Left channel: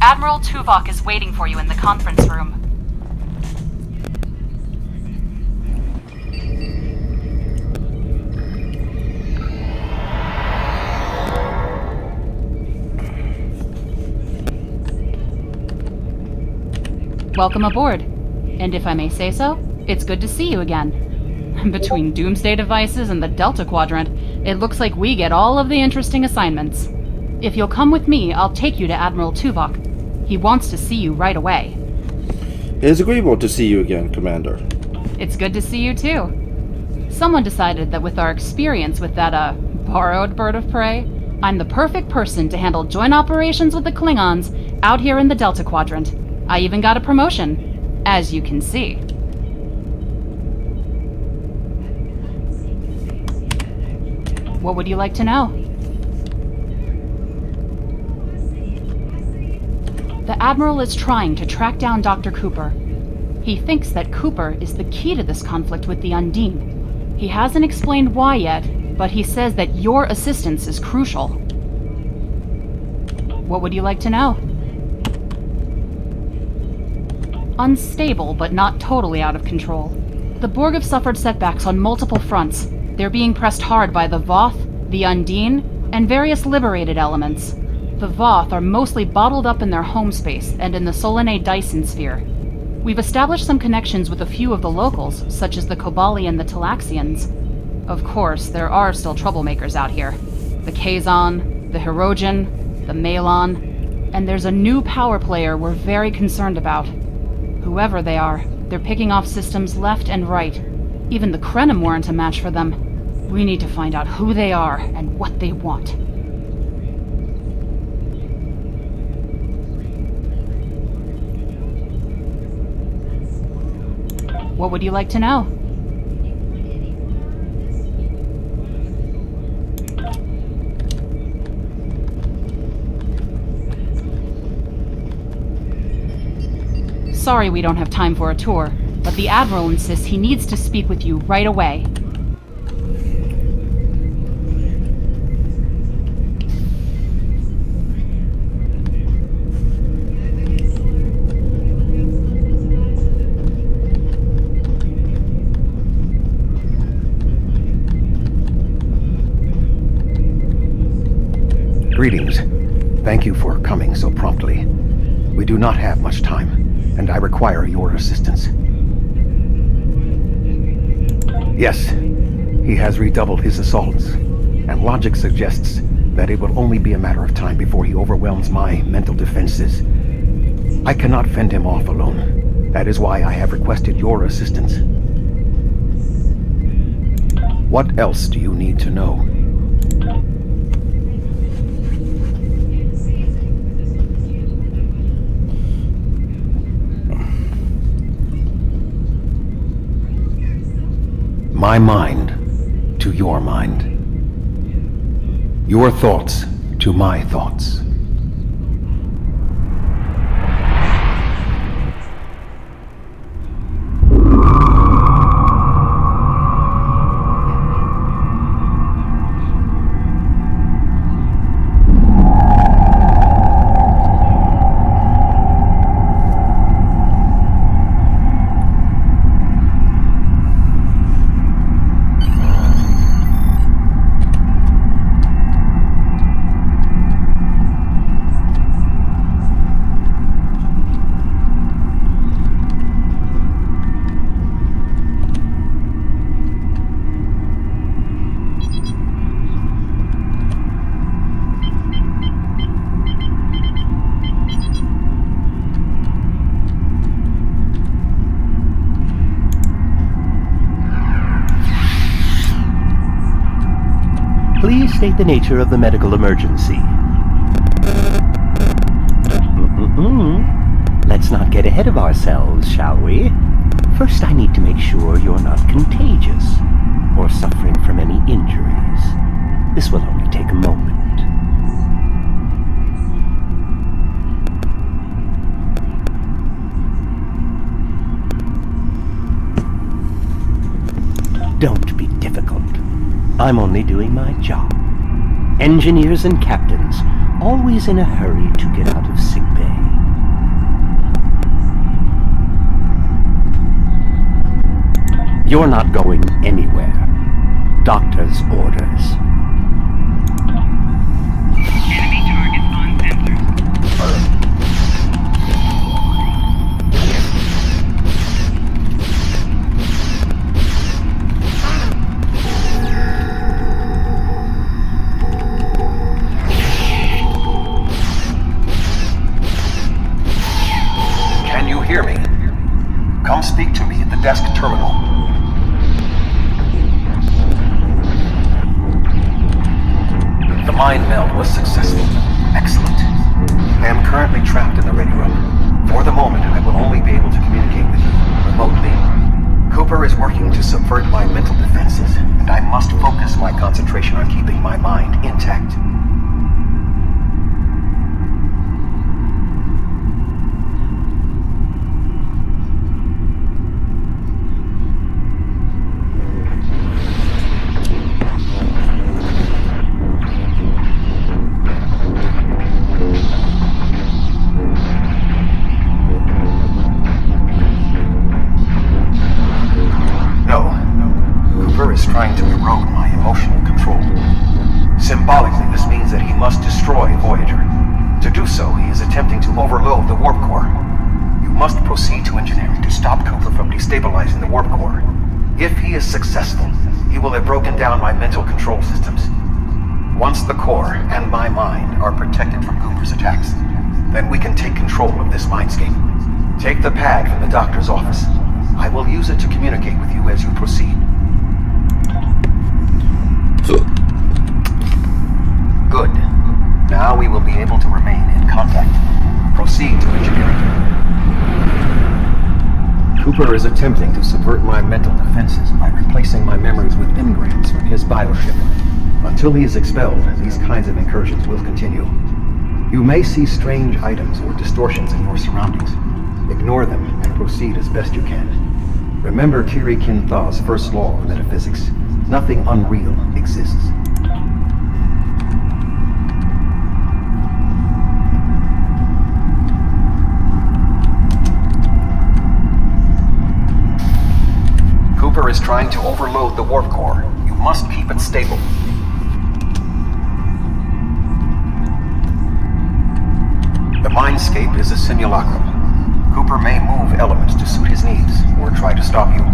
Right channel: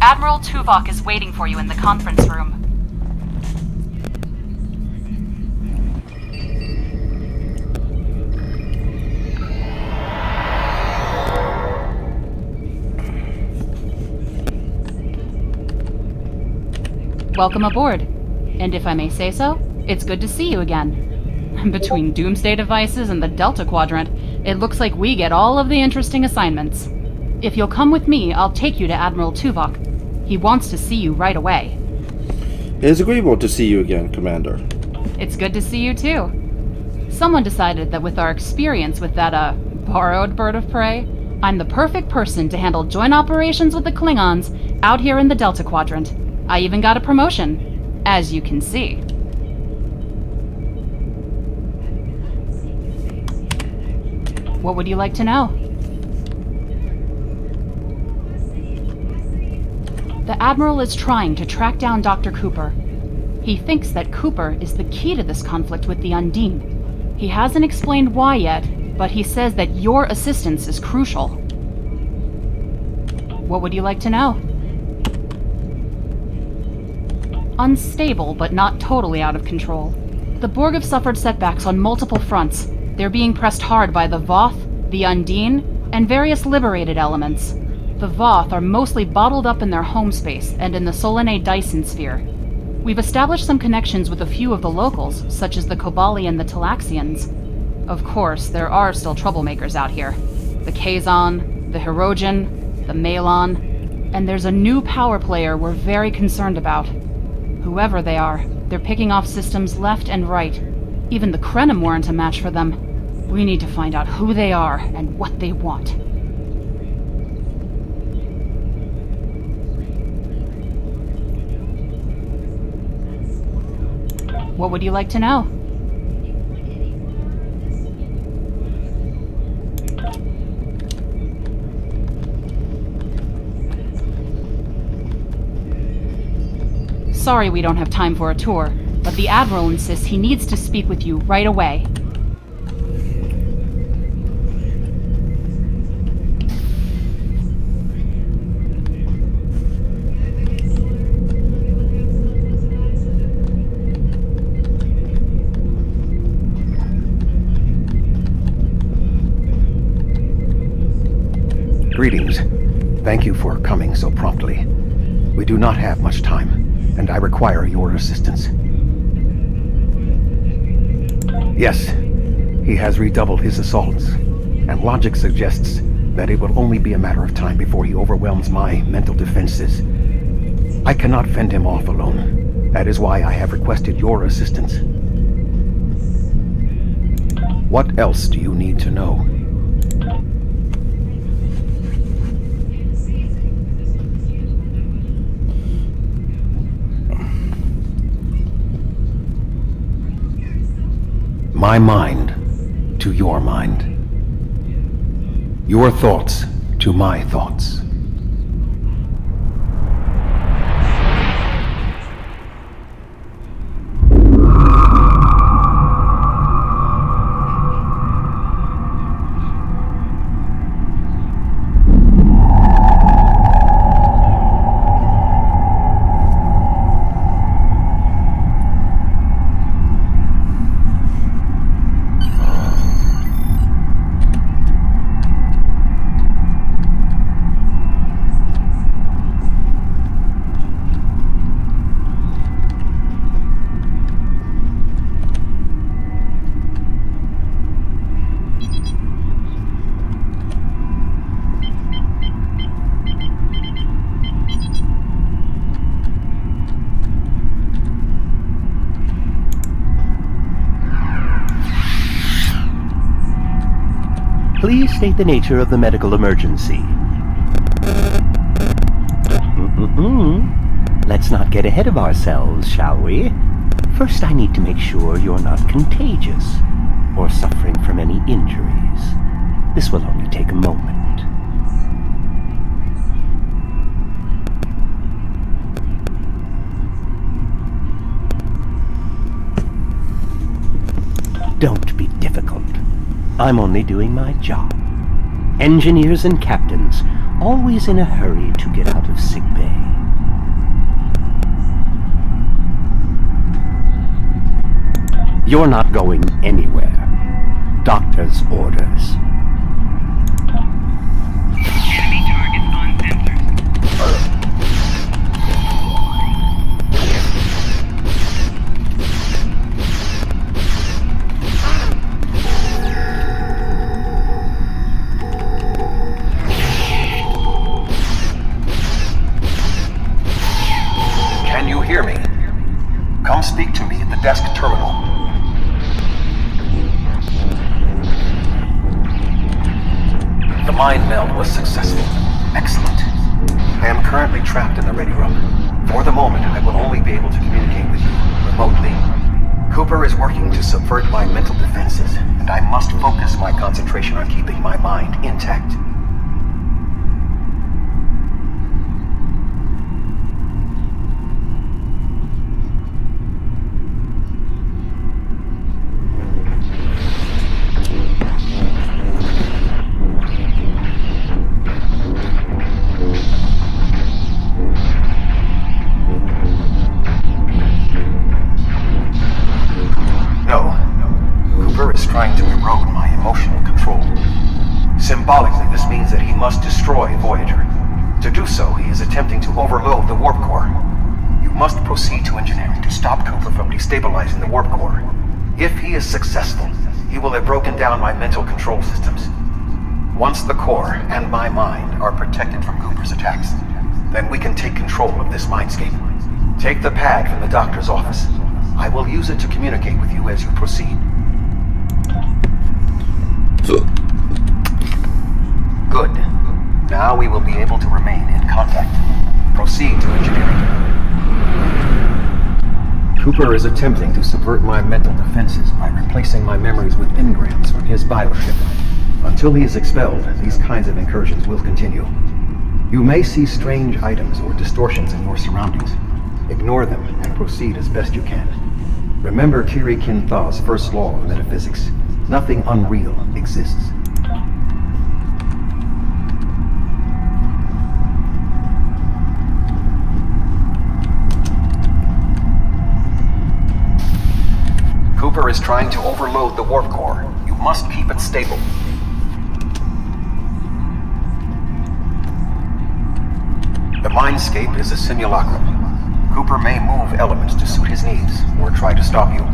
Admiral Tuvok is waiting for you in the conference room. Welcome aboard. And if I may say so, it's good to see you again. Between Doomsday devices and the Delta Quadrant, it looks like we get all of the interesting assignments. If you'll come with me, I'll take you to Admiral Tuvok. He wants to see you right away. It is agreeable to see you again, Commander. It's good to see you too. Someone decided that with our experience with that, borrowed bird of prey, I'm the perfect person to handle joint operations with the Klingons out here in the Delta Quadrant. I even got a promotion, as you can see. What would you like to know? The Admiral is trying to track down Dr. Cooper. He thinks that Cooper is the key to this conflict with the Undine. He hasn't explained why yet, but he says that your assistance is crucial. What would you like to know? Unstable, but not totally out of control. The Borg have suffered setbacks on multiple fronts. They're being pressed hard by the Voth, the Undine, and various liberated elements. The Voth are mostly bottled up in their home space and in the Solanae Dyson sphere. We've established some connections with a few of the locals, such as the Kobali and the Talaxians. Of course, there are still troublemakers out here. The Kazon, the Hirogen, the Malon, and there's a new power player we're very concerned about. Whoever they are, they're picking off systems left and right. Even the Krenim weren't a match for them. We need to find out who they are and what they want. What would you like to know? Sorry we don't have time for a tour, but the Admiral insists he needs to speak with you right away. Greetings. Thank you for coming so promptly. We do not have much time, and I require your assistance. Yes, he has redoubled his assaults, and logic suggests that it will only be a matter of time before he overwhelms my mental defenses. I cannot fend him off alone. That is why I have requested your assistance. What else do you need to know? My mind to your mind. Your thoughts to my thoughts. Please state the nature of the medical emergency. Let's not get ahead of ourselves, shall we? First, I need to make sure you're not contagious or suffering from any injuries. This will only take a moment. Don't be difficult. I'm only doing my job. Engineers and captains, always in a hurry to get out of sickbay. You're not going anywhere. Doctor's orders. Enemy targets on sensors. Can you hear me? Come speak to me at the desk terminal. The mind meld was successful. Excellent. I am currently trapped in the ready room. For the moment, I will only be able to communicate with you remotely. Cooper is working to subvert my mental defenses, and I must focus my concentration on keeping my mind intact. Trying to erode my emotional control. Symbolically, this means that he must destroy Voyager. To do so, he is attempting to overload the warp core. You must proceed to engineering to stop Cooper from destabilizing the warp core. If he is successful, he will have broken down my mental control systems. Once the core and my mind are protected from Cooper's attacks, then we can take control of this mindscape. Take the pad from the doctor's office. I will use it to communicate with you as you proceed. Good. Now we will be able to remain in contact. Proceed to engineering. Cooper is attempting to subvert my mental defenses by replacing my memories with engrams from his biochip. Until he is expelled, these kinds of incursions will continue. You may see strange items or distortions in your surroundings. Ignore them and proceed as best you can. Remember Kiri Kin-Thaw's first law of metaphysics. Nothing unreal exists. Cooper is trying to overload the warp core. You must keep it stable. The mindscape is a simulacrum. Cooper may move elements to suit his needs, or try to stop you.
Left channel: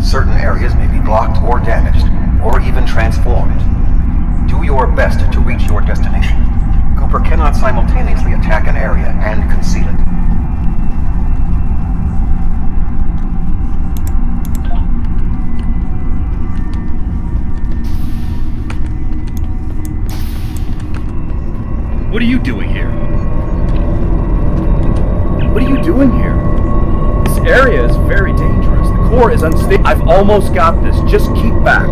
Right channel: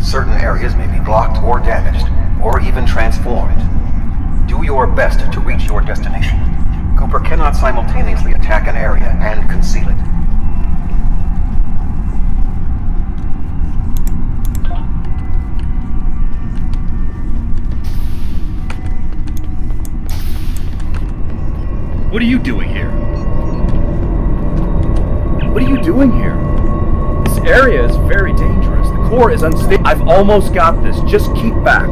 Certain areas may be blocked or damaged, or even transformed. Do your best to reach your destination. Cooper cannot simultaneously attack an area and conceal it. What are you doing here? What are you doing here? This area is very dangerous. The core is unstable. I've almost got this. Just keep back.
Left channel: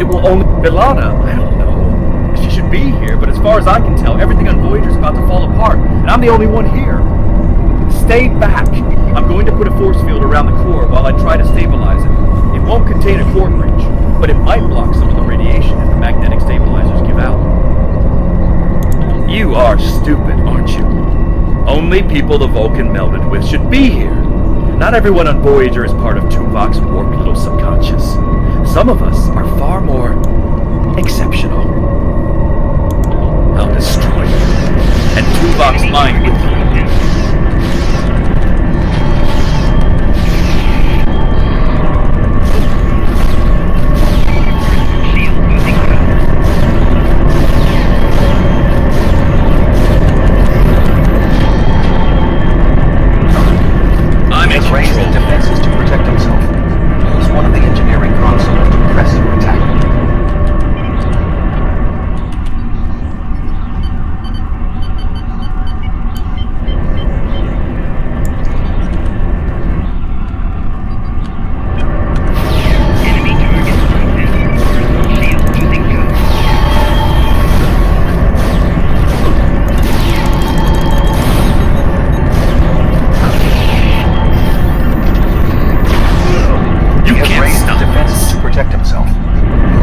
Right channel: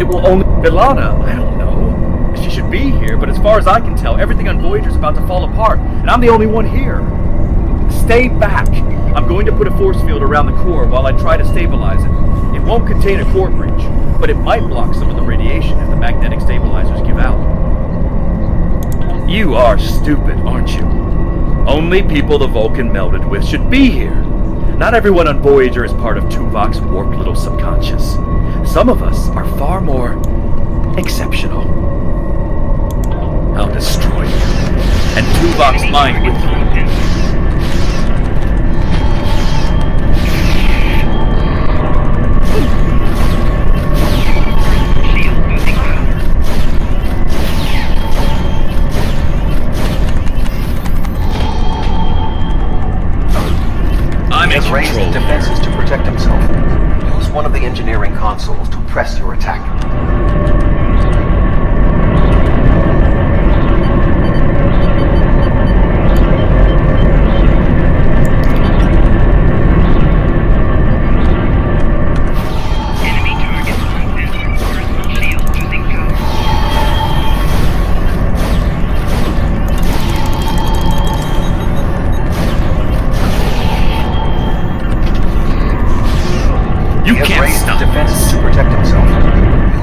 It will only... Ilana, I don't know. She should should be here, but as far as I can tell, everything on Voyager's about to fall apart, and I'm the only one here. Stay back. I'm going to put a force field around the core while I try to stabilize it. It won't contain a core breach, but it might block some of the radiation if the magnetic stabilizers give out. You are stupid, aren't you? Only people the Vulcan melded with should be here. Not everyone on Voyager is part of Tuvok's warped little subconscious. Some of us are far more exceptional. I'll destroy you. And Tuvok's mind with you. He has raised the defenses to protect himself. Use one of the engineering consoles to press your attack. Enemy target on sensor. Shield losing go. You He has can't raised stop the defenses to protect himself.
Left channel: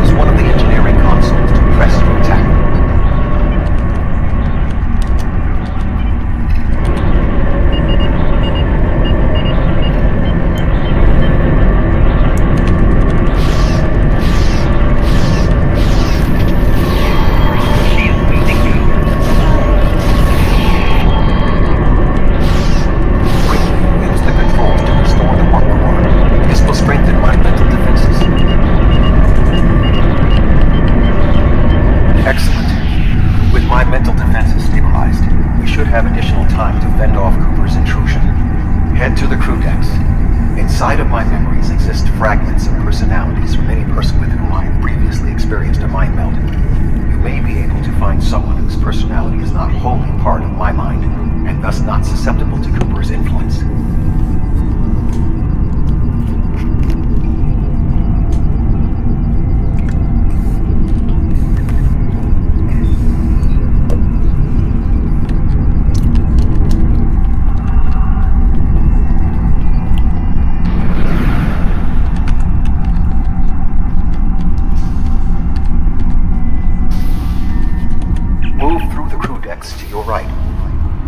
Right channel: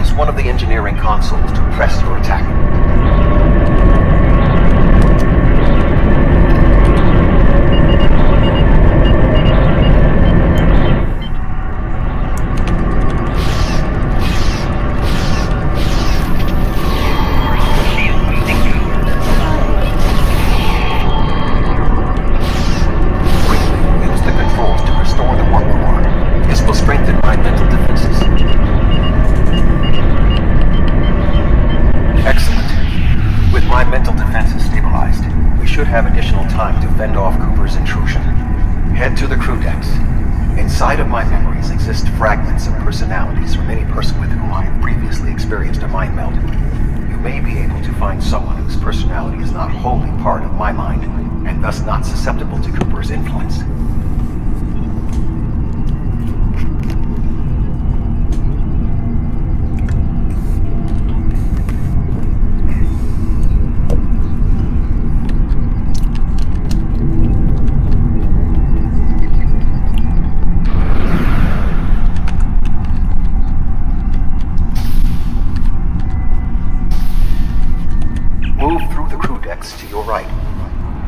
Use one of the engineering consoles to press your attack. Shield losing go. Quickly use the controls to restore the warp core. This will strengthen my mental defenses. Excellent. With my mental defenses stabilized, we should have additional time to fend off Cooper's intrusion. Head to the crew decks. Inside of my memories exist fragments of personalities from any person with whom I have previously experienced a mind meld. You may be able to find someone whose personality is not wholly part of my mind, and thus not susceptible to Cooper's influence. Move through the crew decks to your right.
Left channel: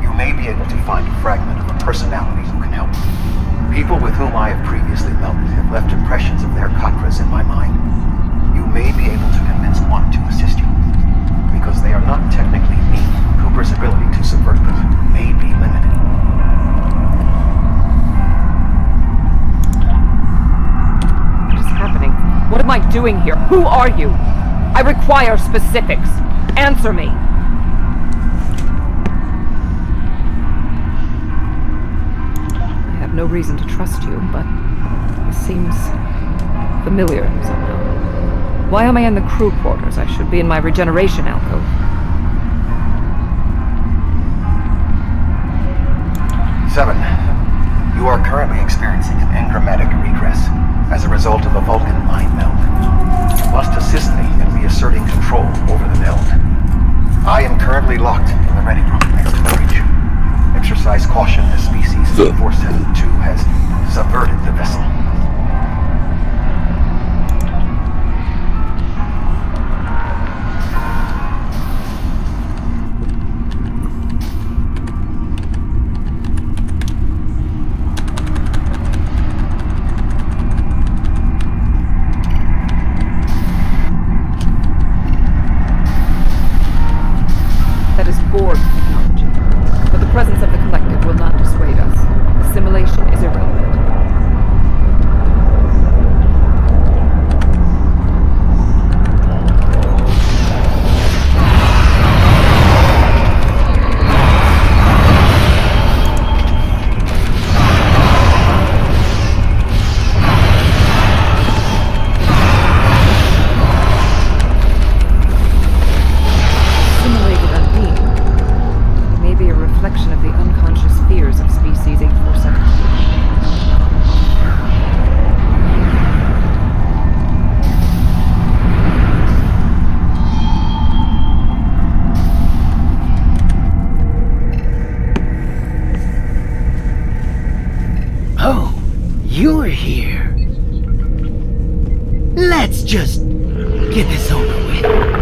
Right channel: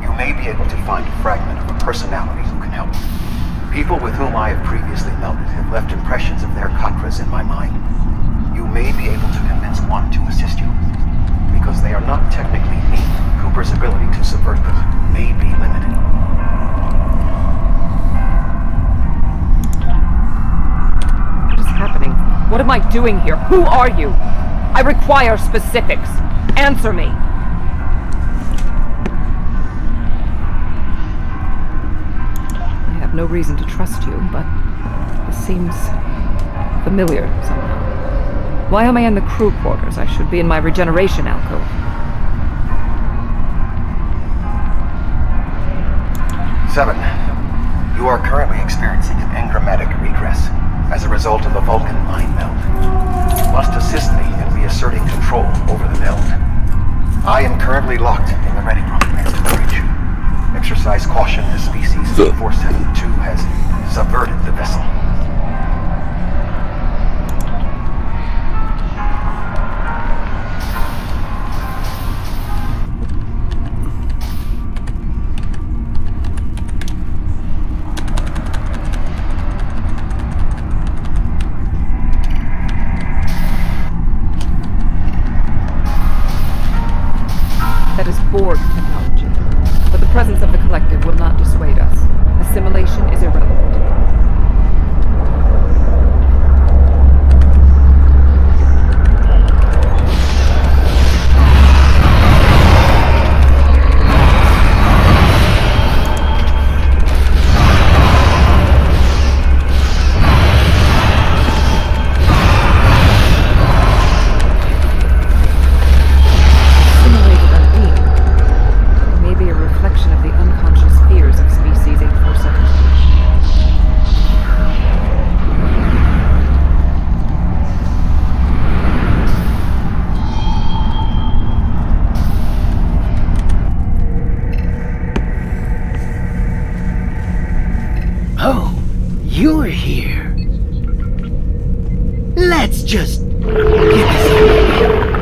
You may be able to find a fragment of a personality who can help. People with whom I have previously melded have left impressions of their Katras in my mind. You may be able to convince one to assist you. Because they are not technically me, Cooper's ability to subvert them may be limited. What is happening? What am I doing here? Who are you? I require specifics. Answer me. I have no reason to trust you, but this seems familiar somehow. Why am I in the crew quarters? I should be in my regeneration alcove. Seven, you are currently experiencing an engrammatic regress as a result of a Vulcan mind meld. You must assist me in reasserting control over the meld. I am currently locked in the ready room next to the bridge. Exercise caution as species 472 has subverted the vessel. That is Borg technology. But the presence of the collective will not dissuade us. Assimilation is irrelevant. Reflection of the unconscious fears of species 847. Oh, you're here. Let's just get this over with.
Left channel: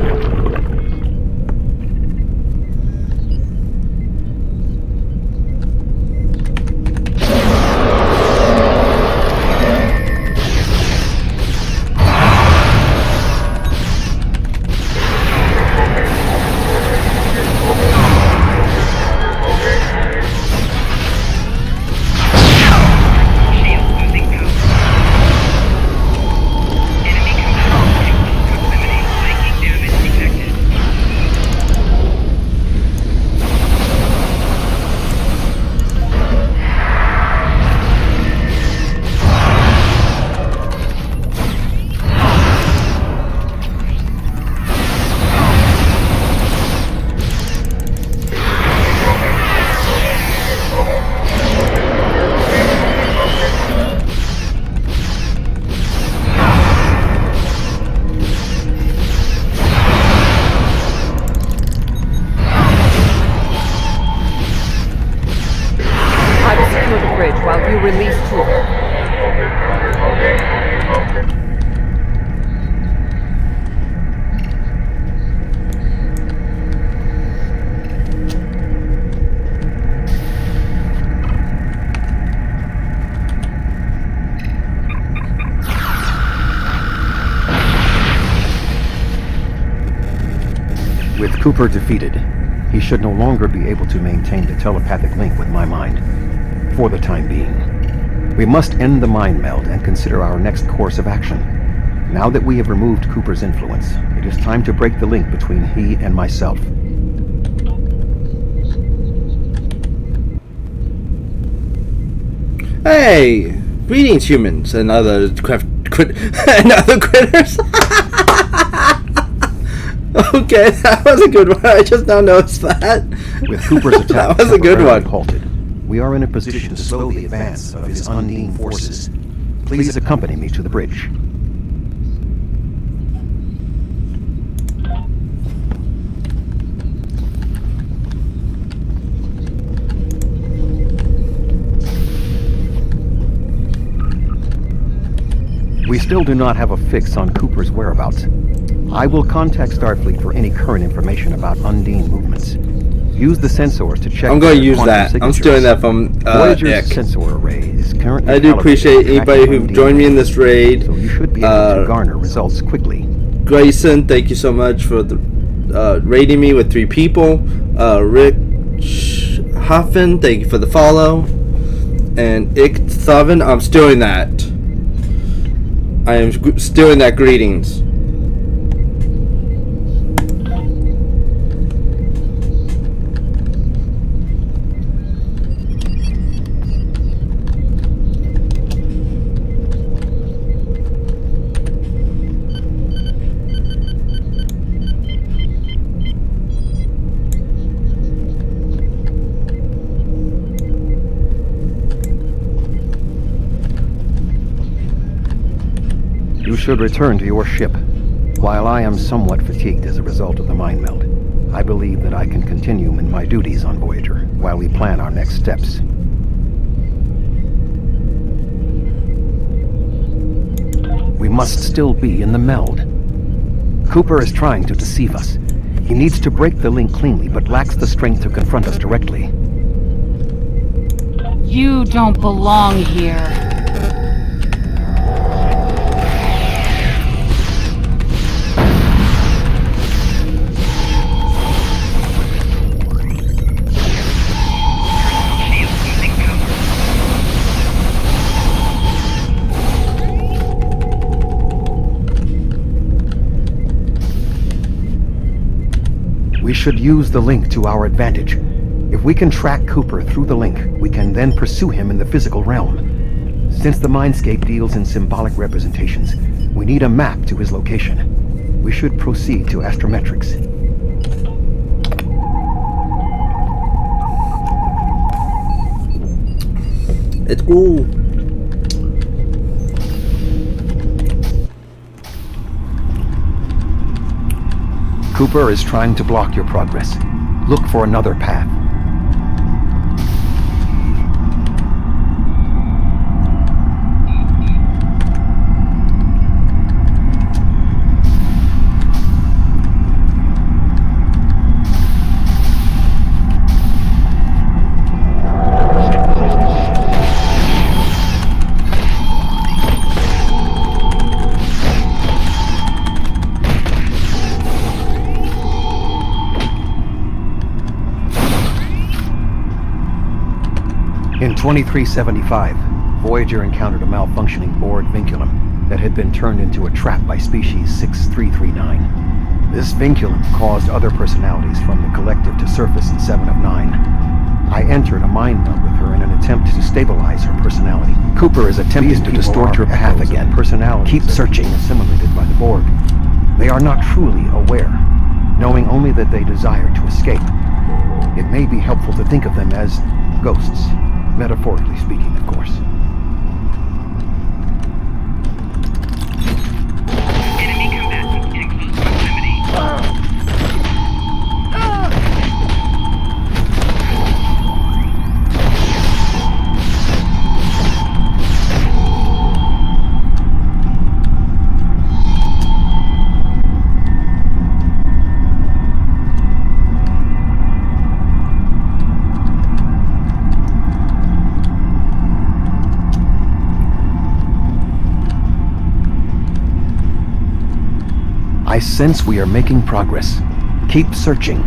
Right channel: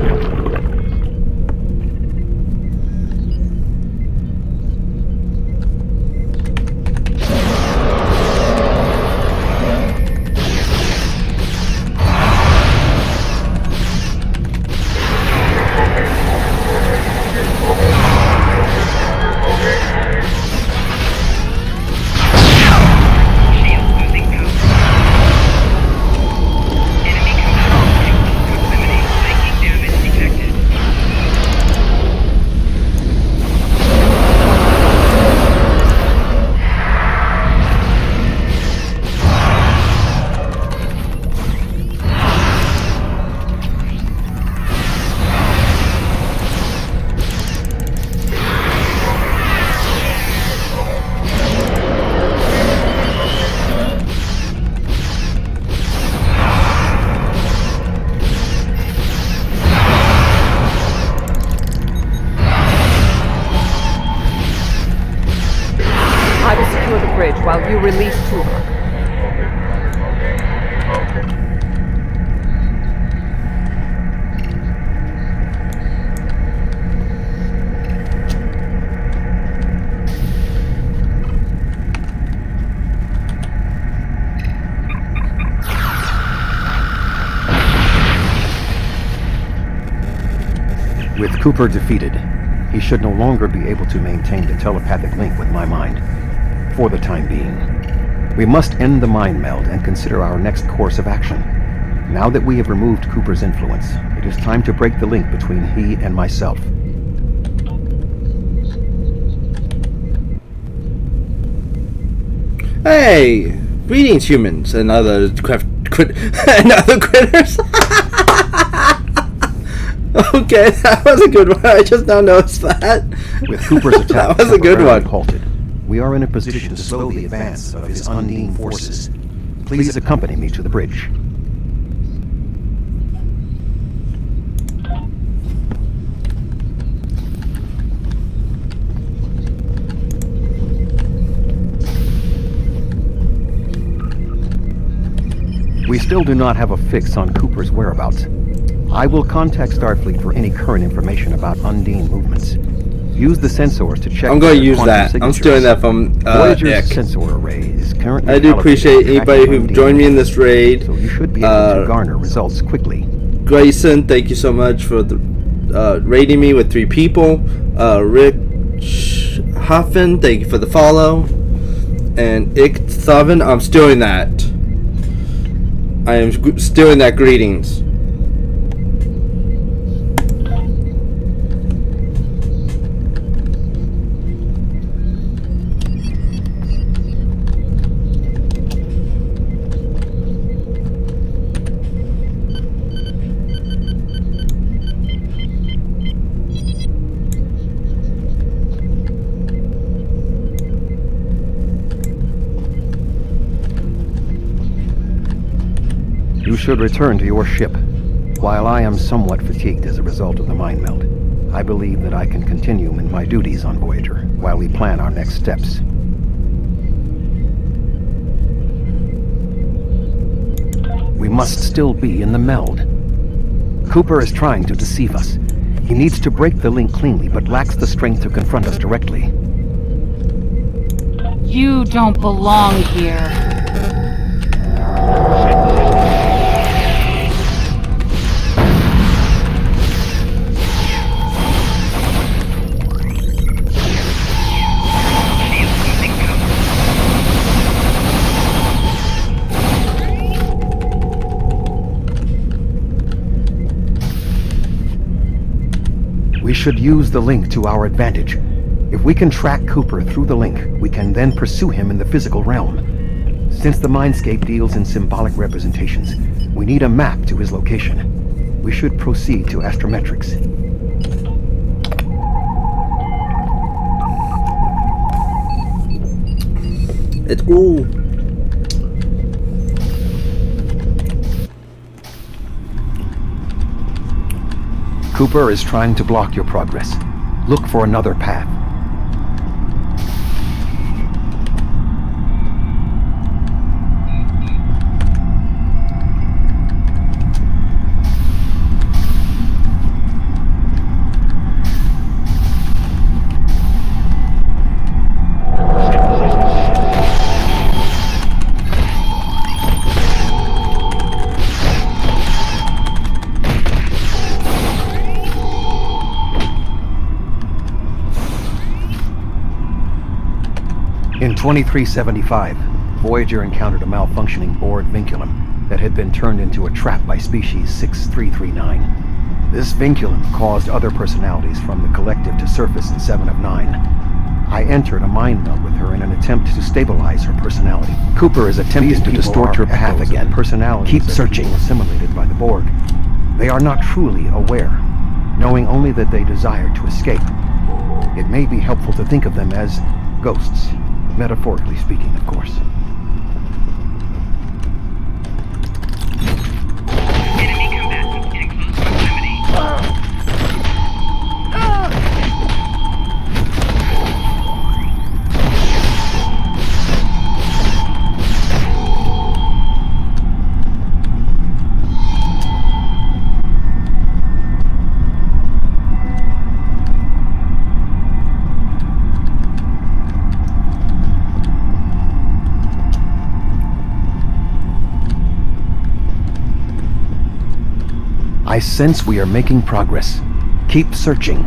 While you release Cooper. With Cooper defeated, he should no longer be able to maintain the telepathic link with my mind. For the time being. We must end the mind meld and consider our next course of action. Now that we have removed Cooper's influence, it is time to break the link between he and myself. Hey! Greetings, humans and other and other critters. Okay, that was a good one. I just now noticed that. With Cooper's attack that was a good temporarily one. halted, we are in a position to slow the advance of his Undine forces. Please accompany me to the bridge. We still do not have a fix on Cooper's whereabouts. I will contact Starfleet for any current information about Undine movements. Use the sensors to check. I'm going to their use quantum that. I'm signatures. stealing that from Voyager's Nick. sensor array is currently I do calibrated appreciate for anybody tracking who Undine joined me in this raid. So you should be able to garner results quickly. Grayson, thank you so much for the raiding me with 3 people. Rick Hoffman, thank you for the follow. And Ik Thaven, I'm stealing that. I am stealing that greetings. You should return to your ship. While I am somewhat fatigued as a result of the mind meld, I believe that I can continue in my duties on Voyager while we plan our next steps. We must still be in the meld. Cooper is trying to deceive us. He needs to break the link cleanly, but lacks the strength to confront us directly. You don't belong here. We should use the link to our advantage. If we can track Cooper through the link, we can then pursue him in the physical realm. Since the Mindscape deals in symbolic representations, we need a map to his location. We should proceed to astrometrics. It's cool. Cooper is trying to block your progress. Look for another path. 2375, Voyager encountered a malfunctioning board vinculum that had been turned into a trap by species 6339. This vinculum caused other personalities from the collective to surface in 7 of 9. I entered a mind meld with her in an attempt to stabilize her personality. Cooper is attempting to distort her path again. Keep searching. Assimilated by the Borg. They are not truly aware, knowing only that they desire to escape. It may be helpful to think of them as ghosts, metaphorically speaking, of course. Enemy combatants in close proximity. I sense we are making progress. Keep searching.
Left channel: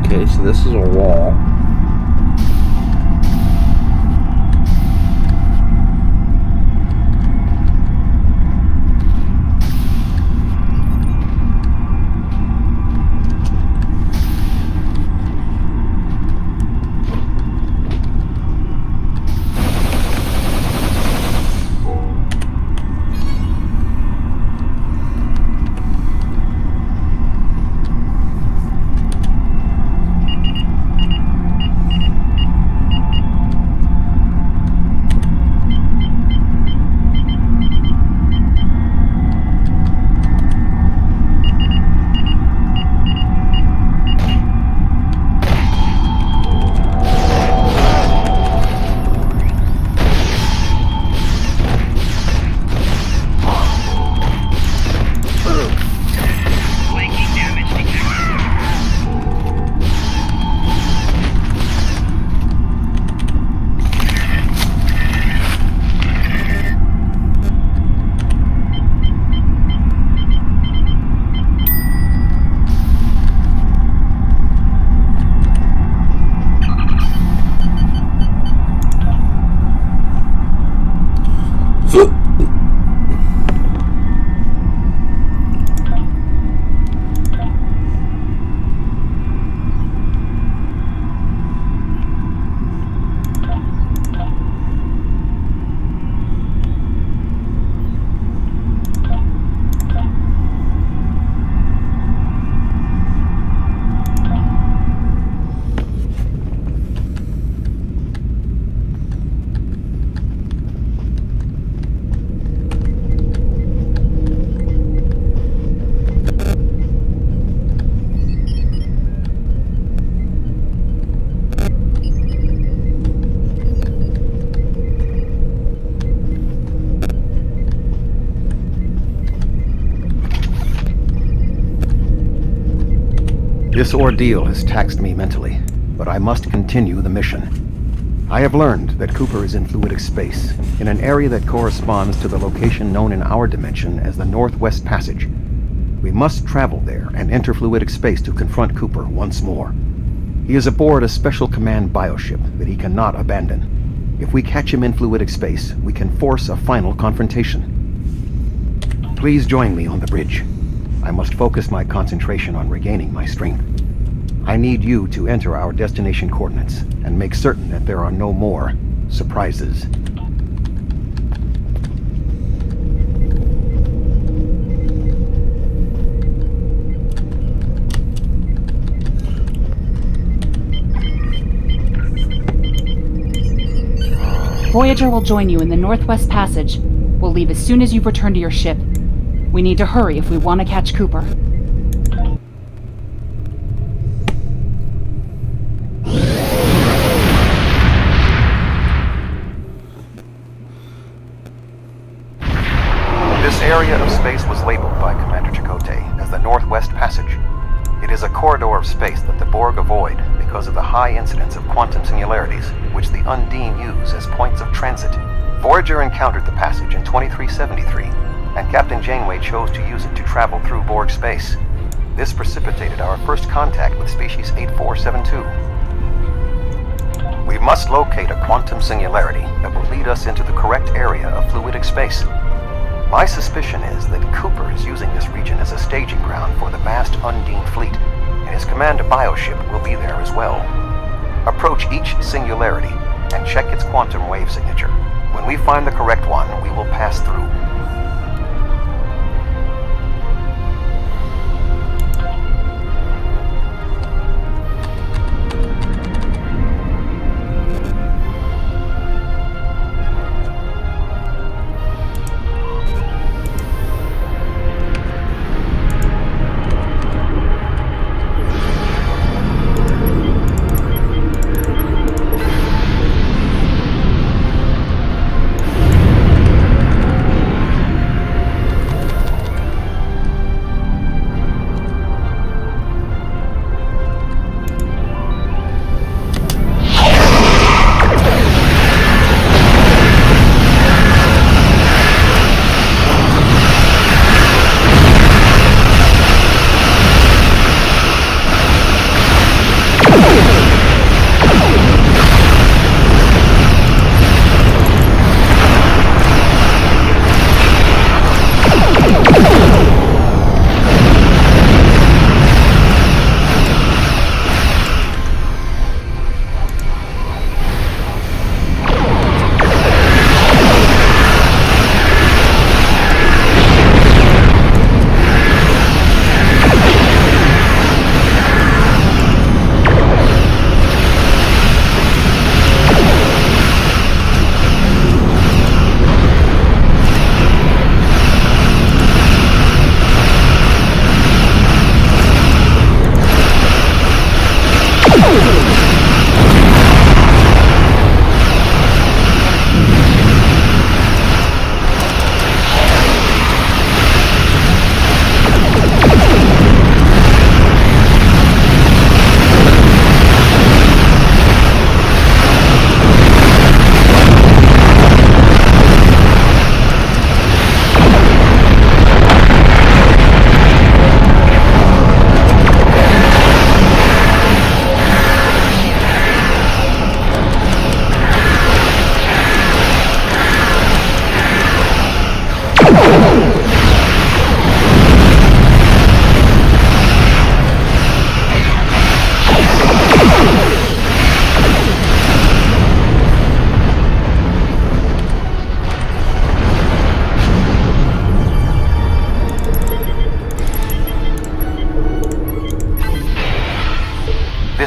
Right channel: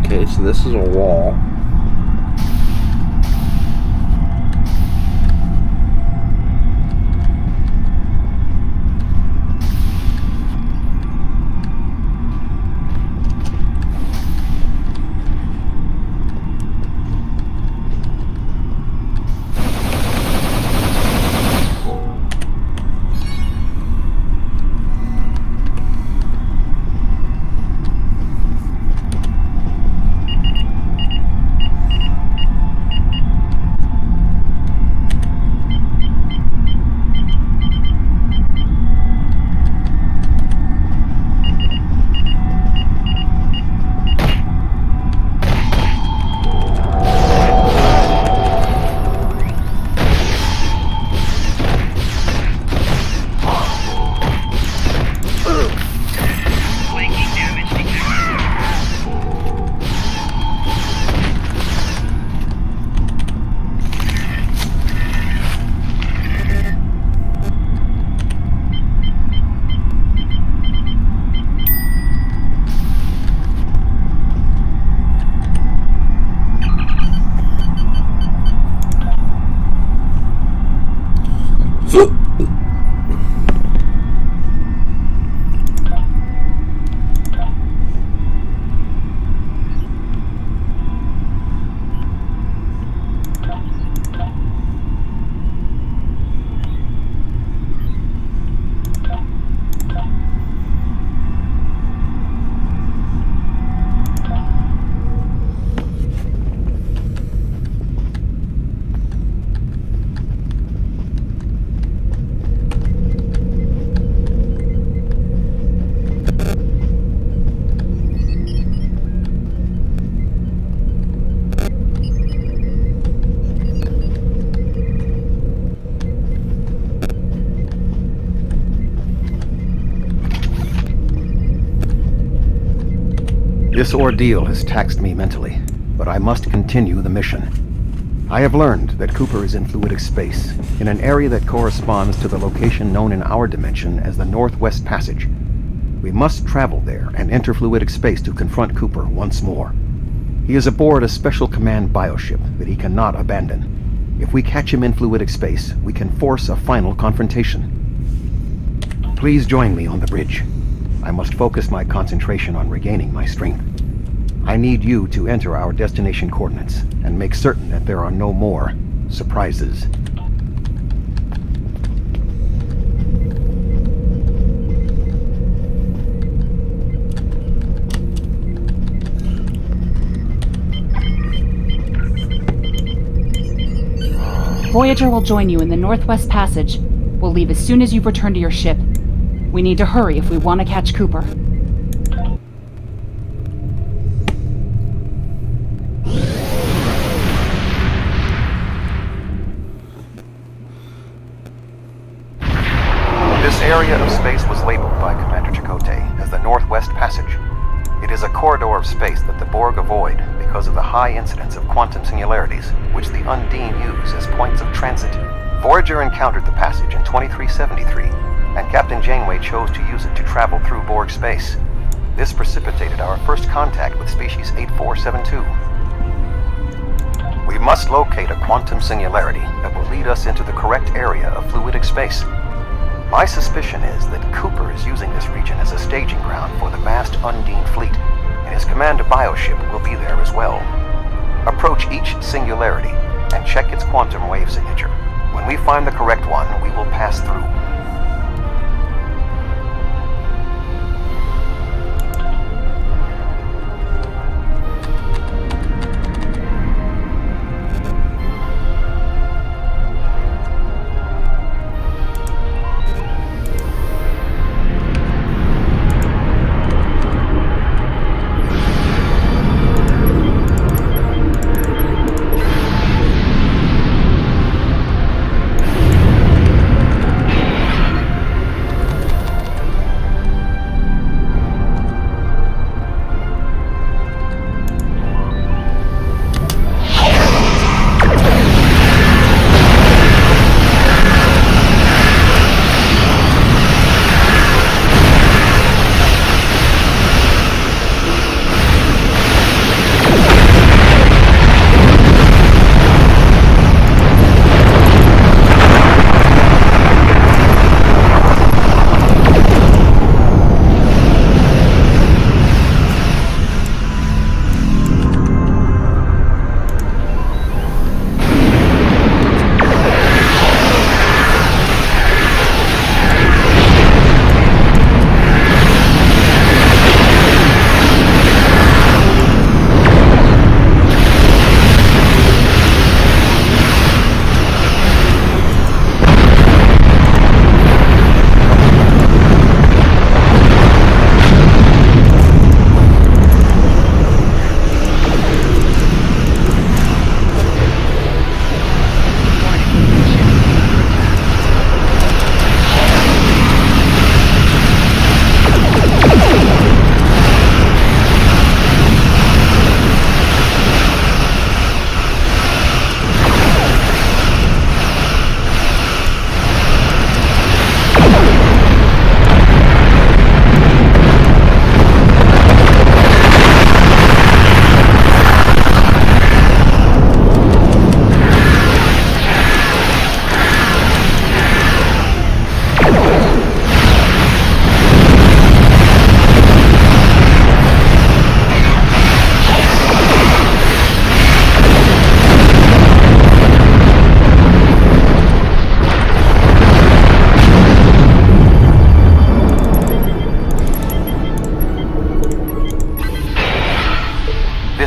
Okay, so this is a wall. Flanking damage detected. This ordeal has taxed me mentally, but I must continue the mission. I have learned that Cooper is in fluidic space, in an area that corresponds to the location known in our dimension as the Northwest Passage. We must travel there and enter fluidic space to confront Cooper once more. He is aboard a special command bioship that he cannot abandon. If we catch him in fluidic space, we can force a final confrontation. Please join me on the bridge. I must focus my concentration on regaining my strength. I need you to enter our destination coordinates and make certain that there are no more surprises. Voyager will join you in the Northwest Passage. We'll leave as soon as you've returned to your ship. We need to hurry if we want to catch Cooper. This area of space was labeled by Commander Chakotay as the Northwest Passage. It is a corridor of space void because of the high incidence of quantum singularities, which the Undine use as points of transit. Voyager encountered the passage in 2373, and Captain Janeway chose to use it to travel through Borg space. This precipitated our first contact with species 8472. We must locate a quantum singularity that will lead us into the correct area of fluidic space. My suspicion is that Cooper is using this region as a staging ground for the massed Undine fleet, and his command bioship will be there as well. Approach each singularity and check its quantum wave signature. When we find the correct one, we will pass through.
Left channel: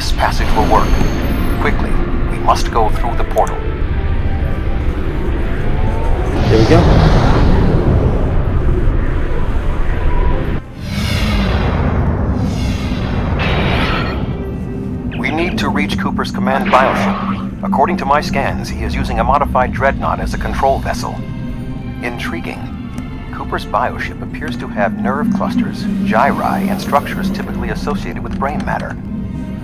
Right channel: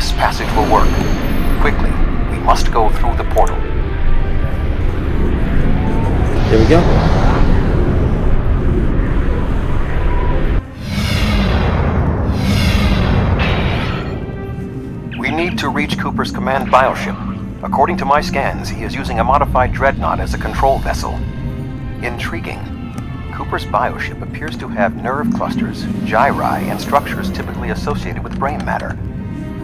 This passage will work. Quickly, we must go through the portal. Here we go. We need to reach Cooper's command bioship. According to my scans, he is using a modified dreadnought as a control vessel. Intriguing. Cooper's bioship appears to have nerve clusters, gyri, and structures typically associated with brain matter.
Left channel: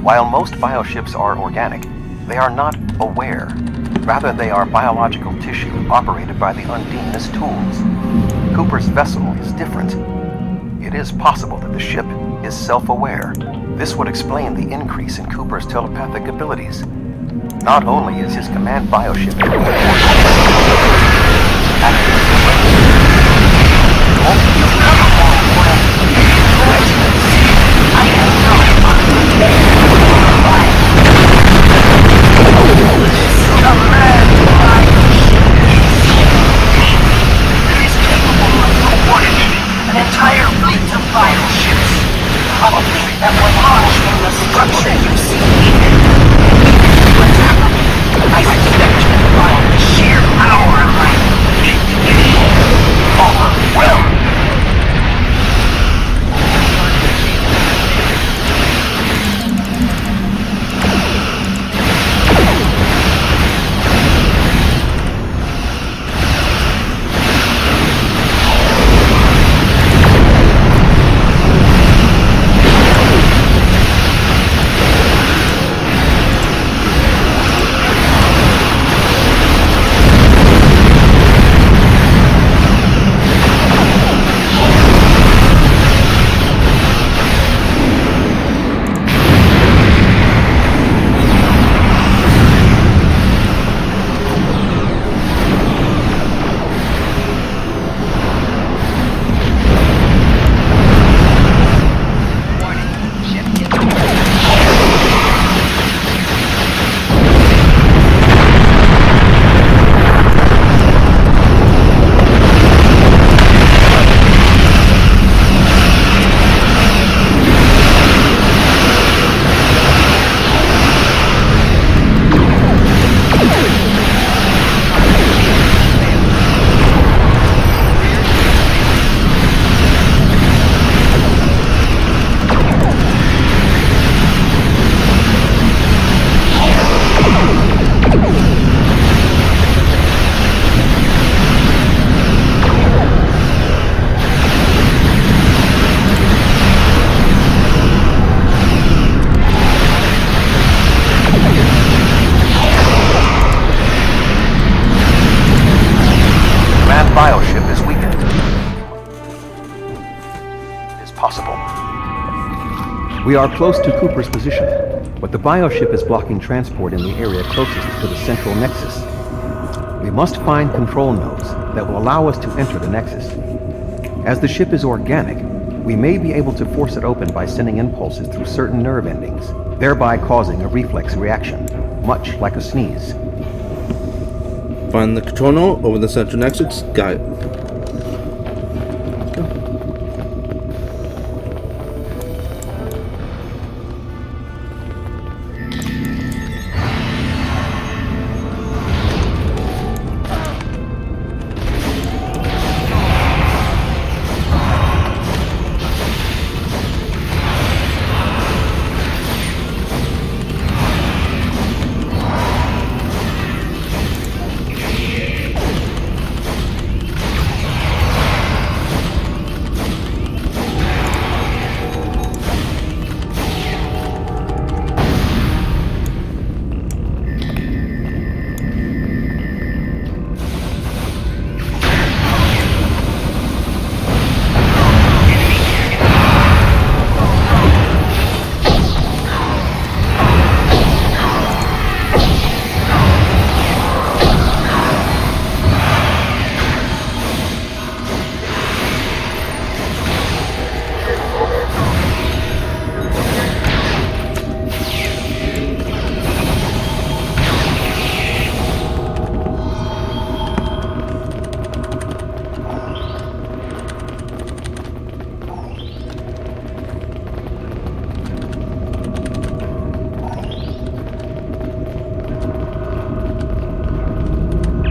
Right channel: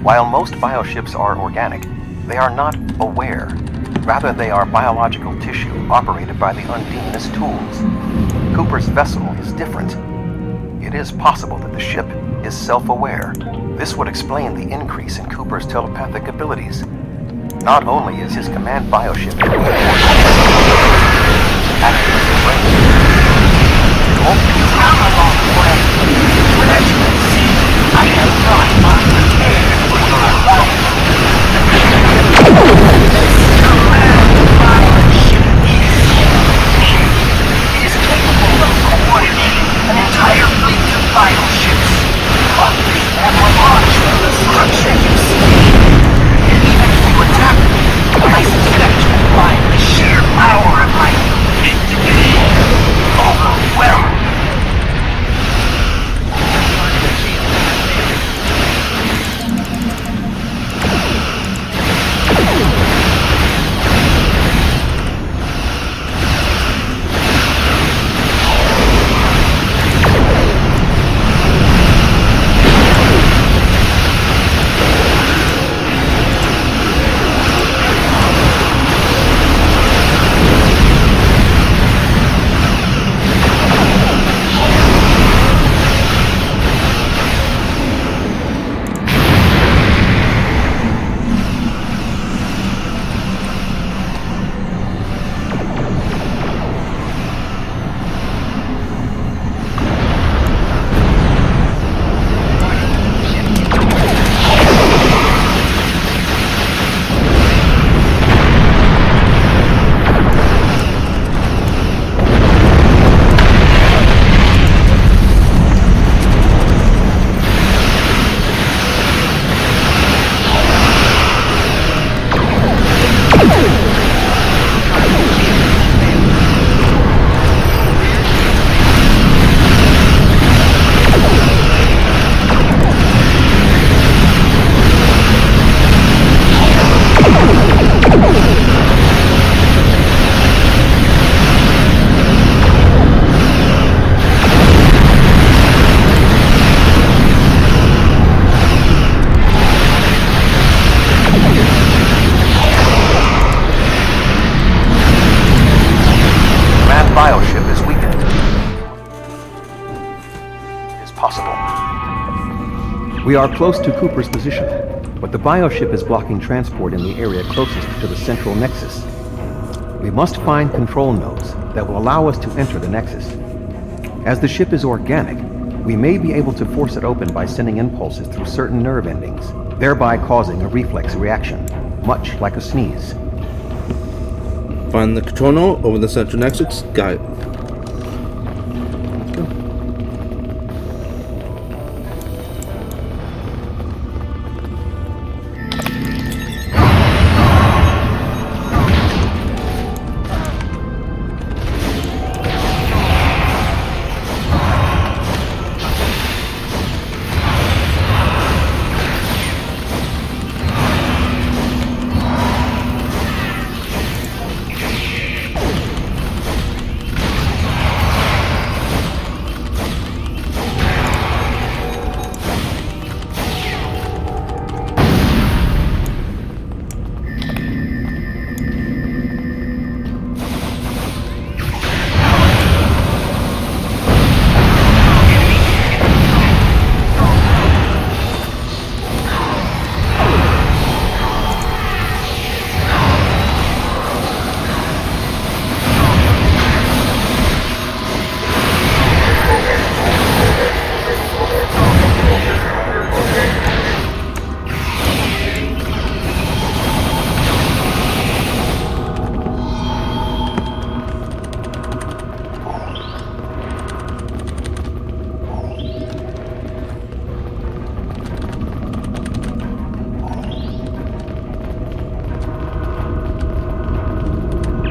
While most bioships are organic, they are not aware. Rather, they are biological tissue operated by the Undine as tools. Cooper's vessel is different. It is possible that the ship is self-aware. This would explain the increase in Cooper's telepathic abilities. Not only is his command bioship We are close to Cooper's position, but the bioship is blocking transport in the area closest to the central nexus. We must find control nodes that will allow us to enter the nexus. As the ship is organic, we may be able to force it open by sending impulses through certain nerve endings, thereby causing a reflex reaction, much like a sneeze. Find the control node over the central nexus. Got it. Go.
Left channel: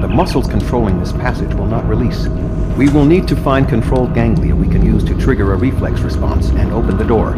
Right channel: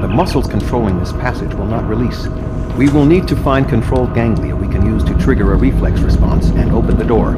The muscles controlling this passage will not release. We will need to find control ganglia we can use to trigger a reflex response and open the door.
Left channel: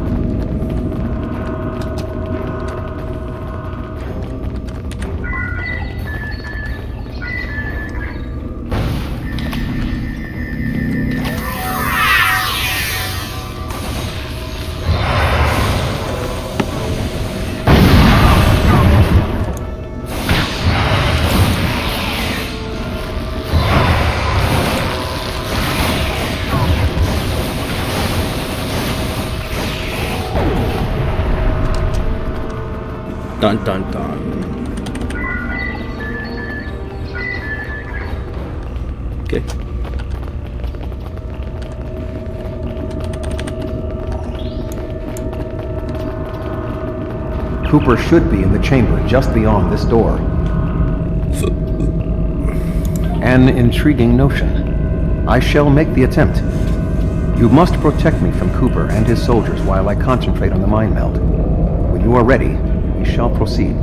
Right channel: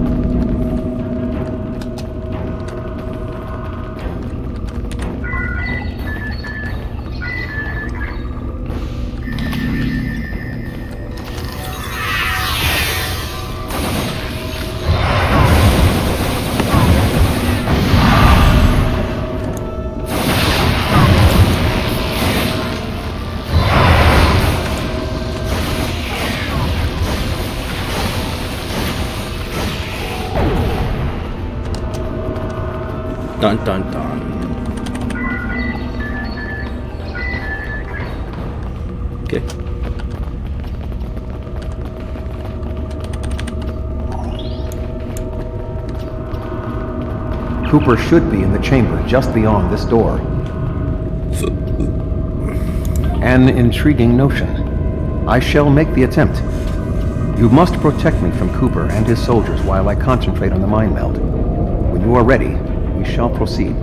Dun dun dun. Okay. Cooper should be in the chamber just beyond this door. An intriguing notion. I shall make the attempt. You must protect me from Cooper and his soldiers while I concentrate on the mind meld. When you are ready, we shall proceed.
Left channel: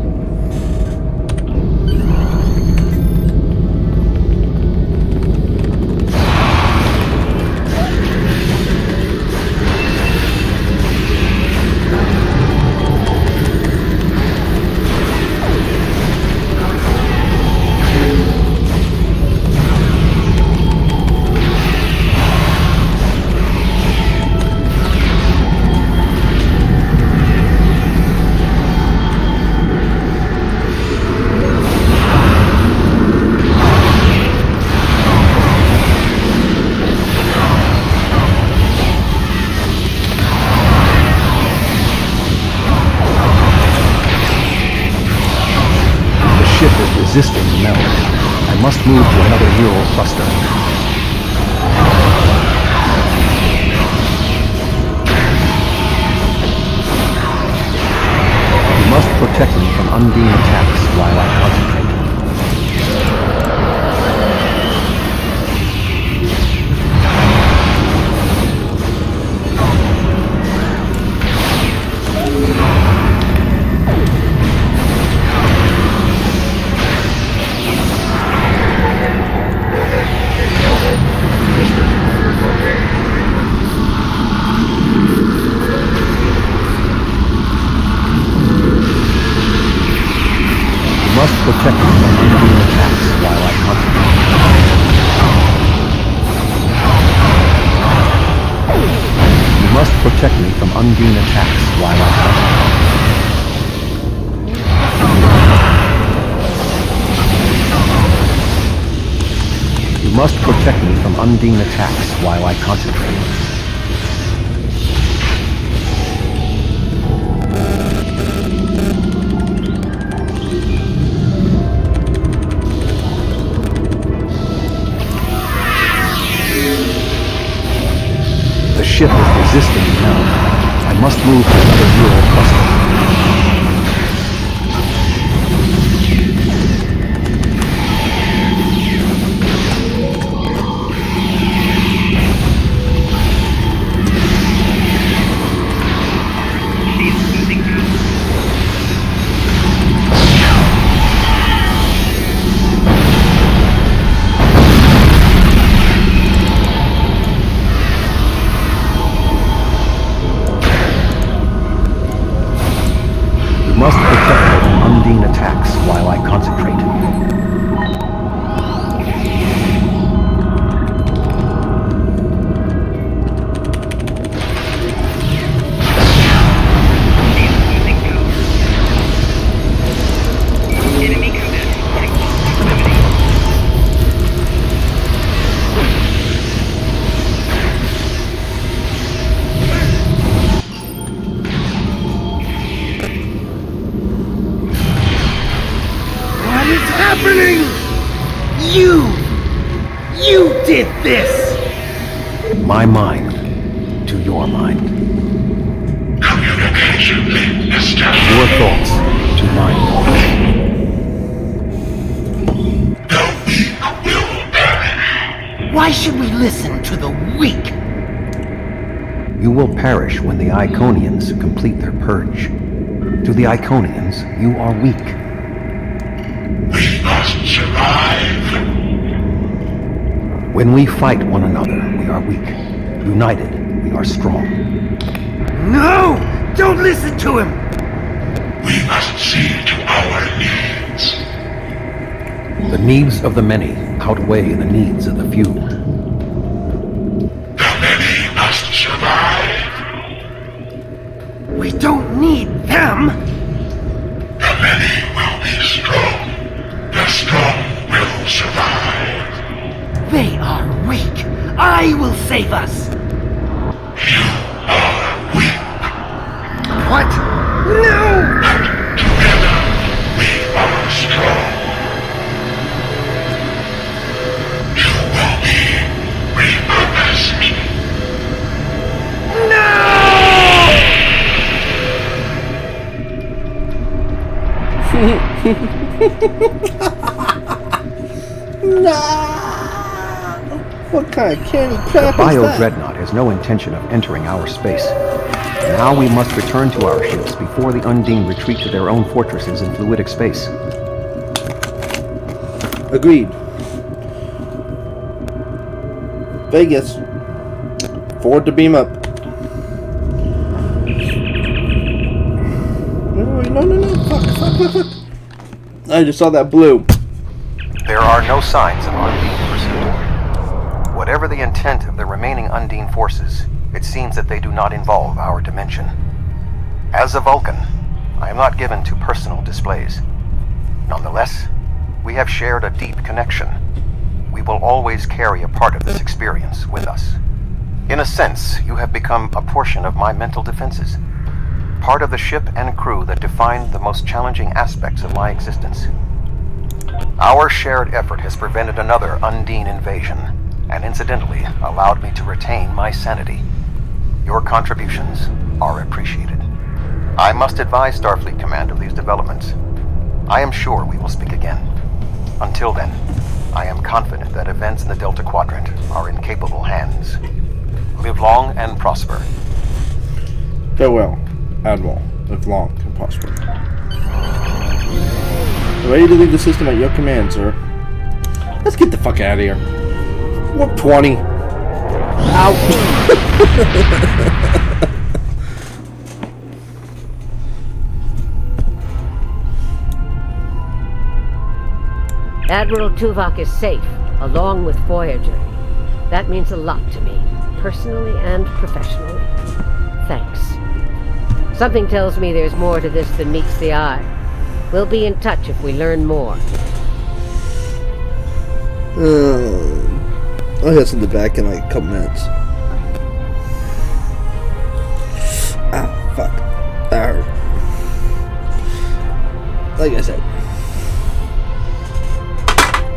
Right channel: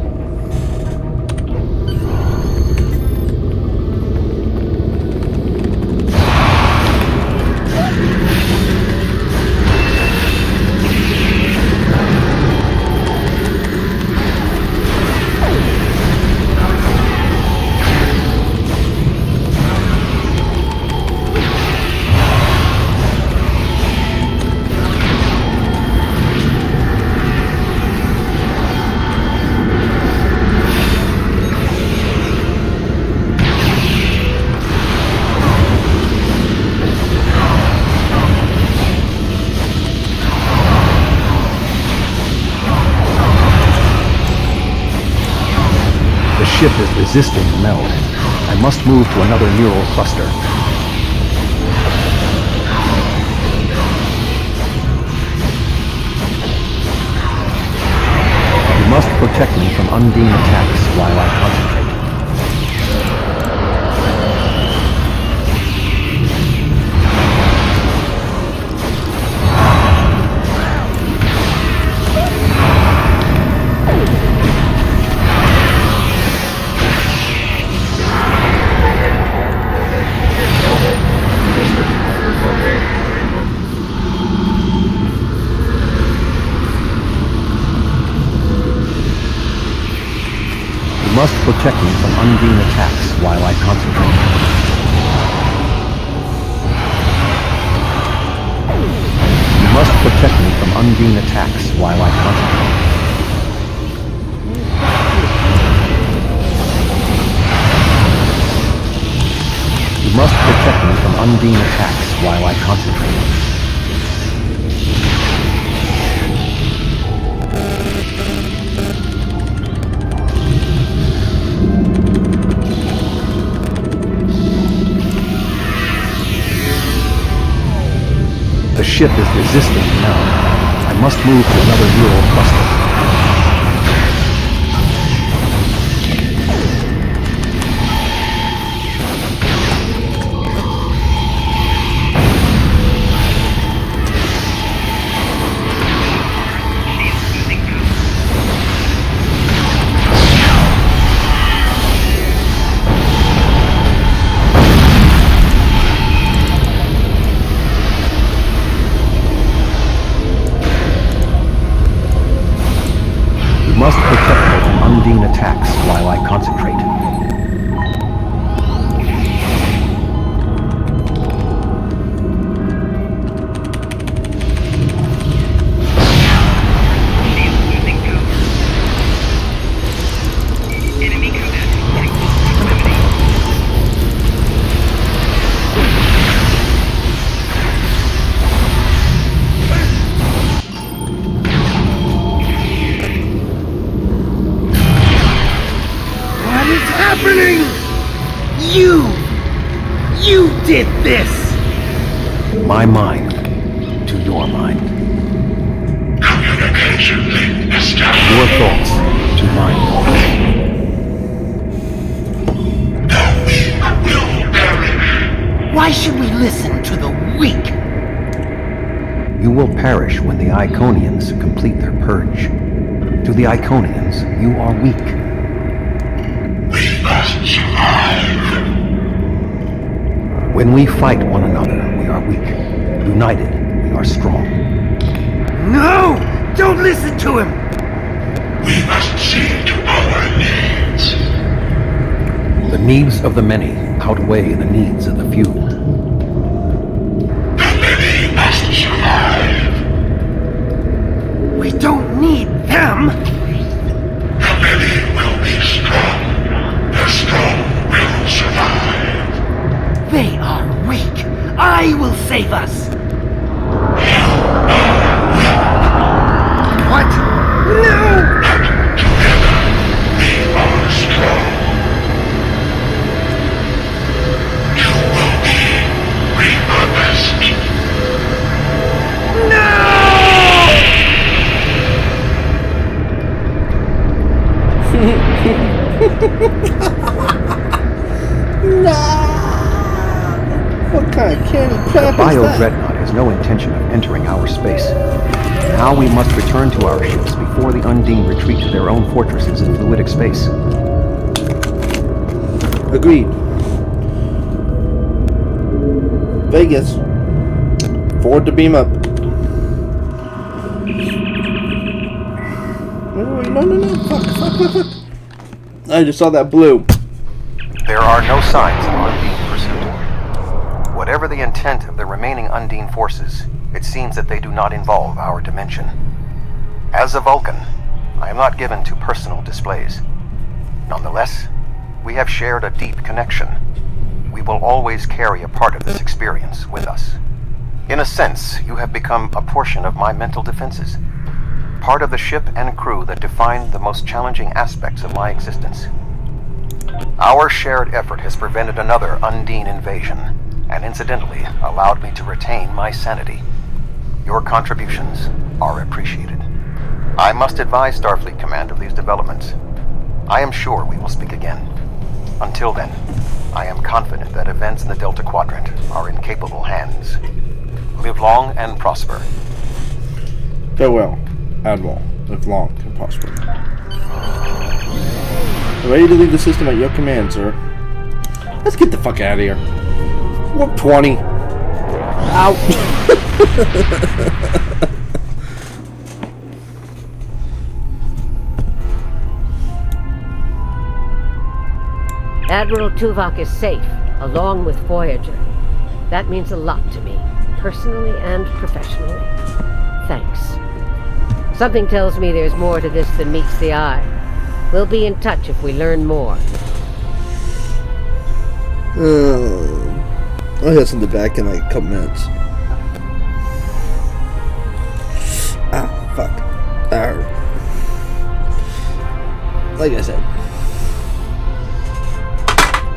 The ship is resisting the meld. I must move to another neural cluster. You must protect me from Undine attacks while I concentrate. You must protect me from Undine attacks while I concentrate. You must protect me from Undine attacks while I concentrate. You must protect me from Undine attacks while I concentrate. ship is resisting me now. I must move to another neural cluster. Must protect her from Undine attacks while I concentrate. Enemy combat. What is happening? You did this! My mind to your mind. Communication link established. Your thoughts to mine. The weak will perish. Why should we listen to the weak? You will perish when the Iconians complete their purge. To the Iconians, you are weak. We must survive. When we fight one another, we are weak. United, we are strong. No! Don't listen to him! We must see to our needs. The needs of the many outweigh the needs of the few. The many must survive. We don't need them! The many will be strong. The strong will survive. They are weak! I will save us! What? No! Together, we are strong. You will be repurposed. What kind of candy The crap is that? Bio-Dreadnought has no intention of entering our space. Now we must return to our ships before the Undine retreat to their own fortresses in fluidic space. Agreed. Vegas. Forward to beam up. No. Fuck. I just saw that blue. There are no signs of Undine pursuit. Whatever the intent of the remaining Undine forces, it seems that they do not involve our dimension. As a Vulcan, I am not given to personal displays. Nonetheless, we have shared a deep connection. We will always carry a part of this experience with us. In a sense, you have become a portion of my mental defenses. Part of the ship and crew that define the most challenging aspects of my existence. Our shared effort has prevented another Undine invasion, and incidentally allowed me to retain my sanity. Your contributions are appreciated. I must advise Starfleet Command of these developments. I am sure we will speak again. Until then, I am confident that events in the Delta Quadrant are in capable hands. Live long and prosper. Farewell, Admiral. Live long and prosper. Ready to leave the system at your command, sir. Let's get the fuck out of here. Warp 20. Ow. Admiral Tuvok is safe, along with Voyager. That means a lot to me, personally and professionally. Thanks. Something tells me there's more to this than meets the eye. We'll be in touch if we learn more. I'll hear something back in like a couple minutes. Ah, fuck. Like I said,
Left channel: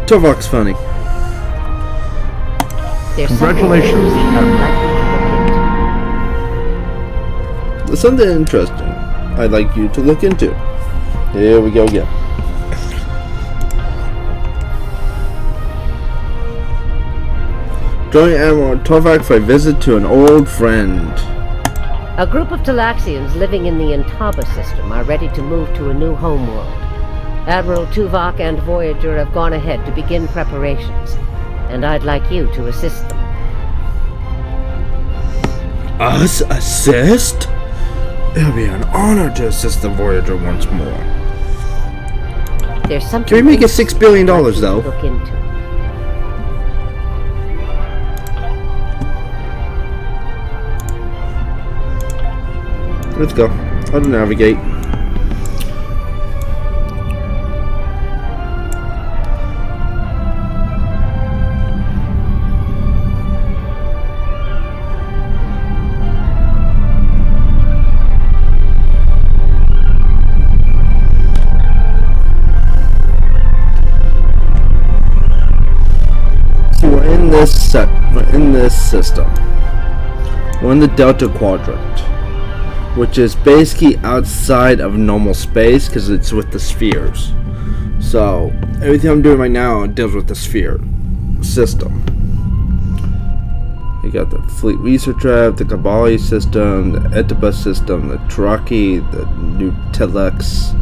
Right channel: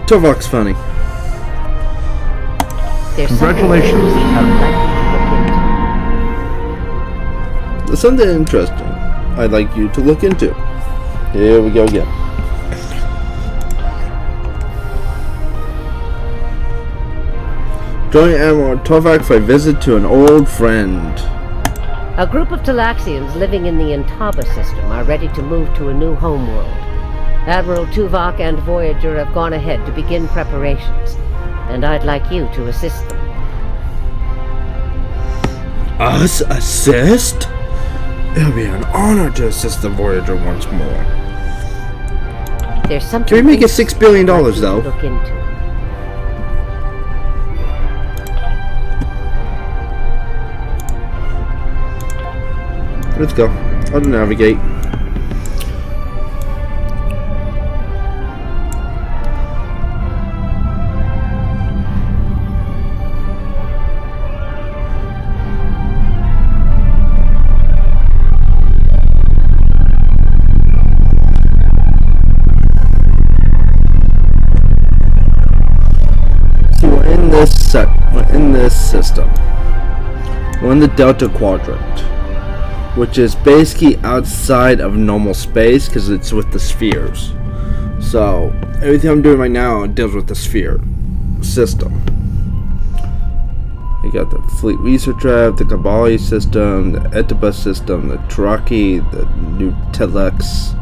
Tuvok's funny. There's Congratulations, something Admiral. I'd like you to look into. there's something interesting I'd like you to look into. Here we go again. Join Admiral Tovak for a visit to an old friend. A group of Talaxians living in the Intaba system are ready to move to a new homeworld. Admiral Tuvok and Voyager have gone ahead to begin preparations, and I'd like you to assist them. Us assist? It'll be an honor to assist the Voyager once more. There's something. Can we make it $6 billion I'd like you to though? look into. Let's go. How to navigate. See, we're in this system. We're in the Delta Quadrant, which is basically outside of normal space because it's with the spheres. So everything I'm doing right now deals with the sphere system. You got the Fleet Research Lab, the Kabali system, the Etibus system, the Taraki, the new Telex.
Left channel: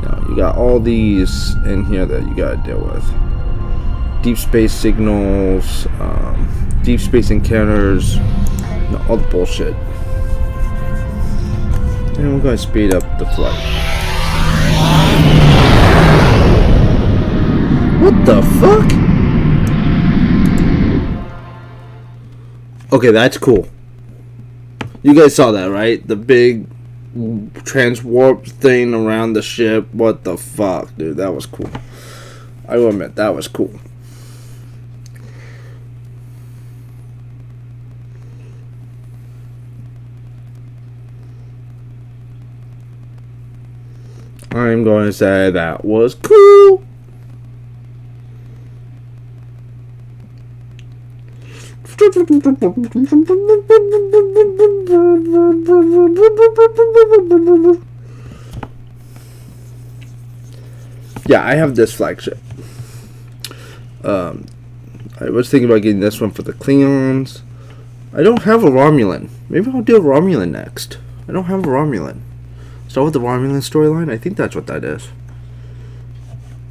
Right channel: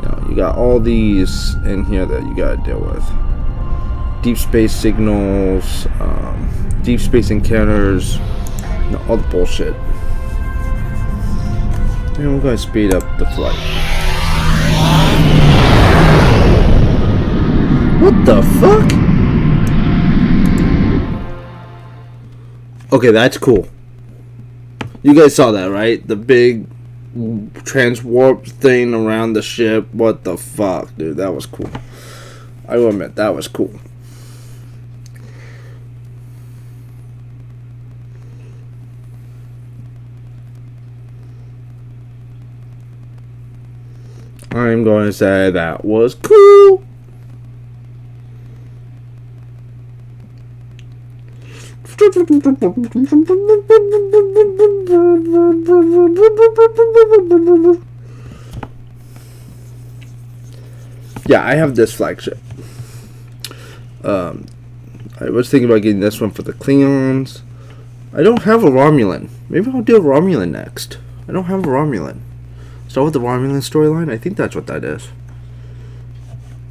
You know, you got all these in here that you gotta deal with. Deep space signals, deep space encounters, you know, all the bullshit. And we're going to speed up the flight. What the fuck? Okay, that's cool. You guys saw that, right? The big transwarp thing around the ship. What the fuck, dude? That was cool. I will admit, that was cool. I'm going to say that was cool. Yeah, I have this flagship. I was thinking about getting this one for the Klingons. I don't have a Romulan. Maybe I'll do a Romulan next. I don't have a Romulan. Start with the Romulan storyline. I think that's what that is.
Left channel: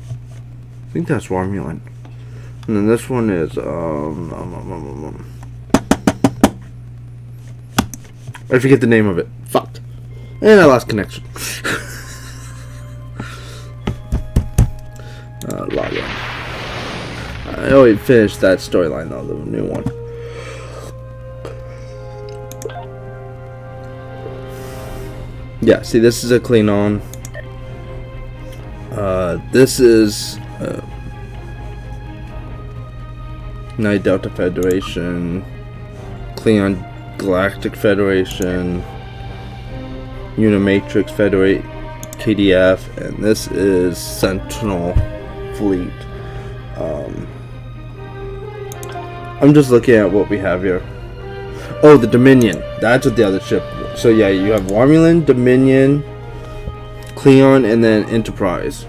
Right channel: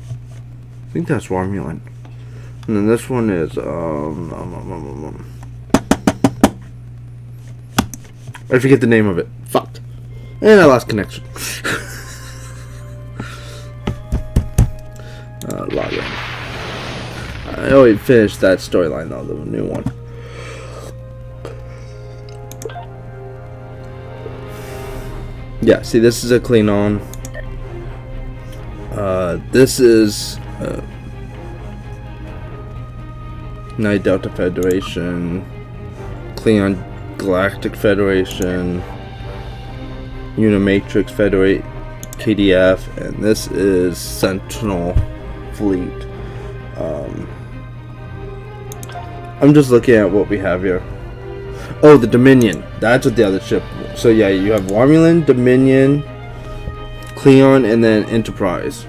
I think that's Romulan. And then this one is I forget the name of it. Fuck. And I lost connection. Log in. I already finished that storyline though, the new one. Yeah, see, this is a Klingon. This is Night Delta Federation, Klingon Galactic Federation, Unimatrix Federate, KDF, and this is Sentinel Fleet. I'm just looking at what we have here. Oh, the Dominion. That's what the other ship. So yeah, you have Romulan, Dominion, Klingon, and then Enterprise,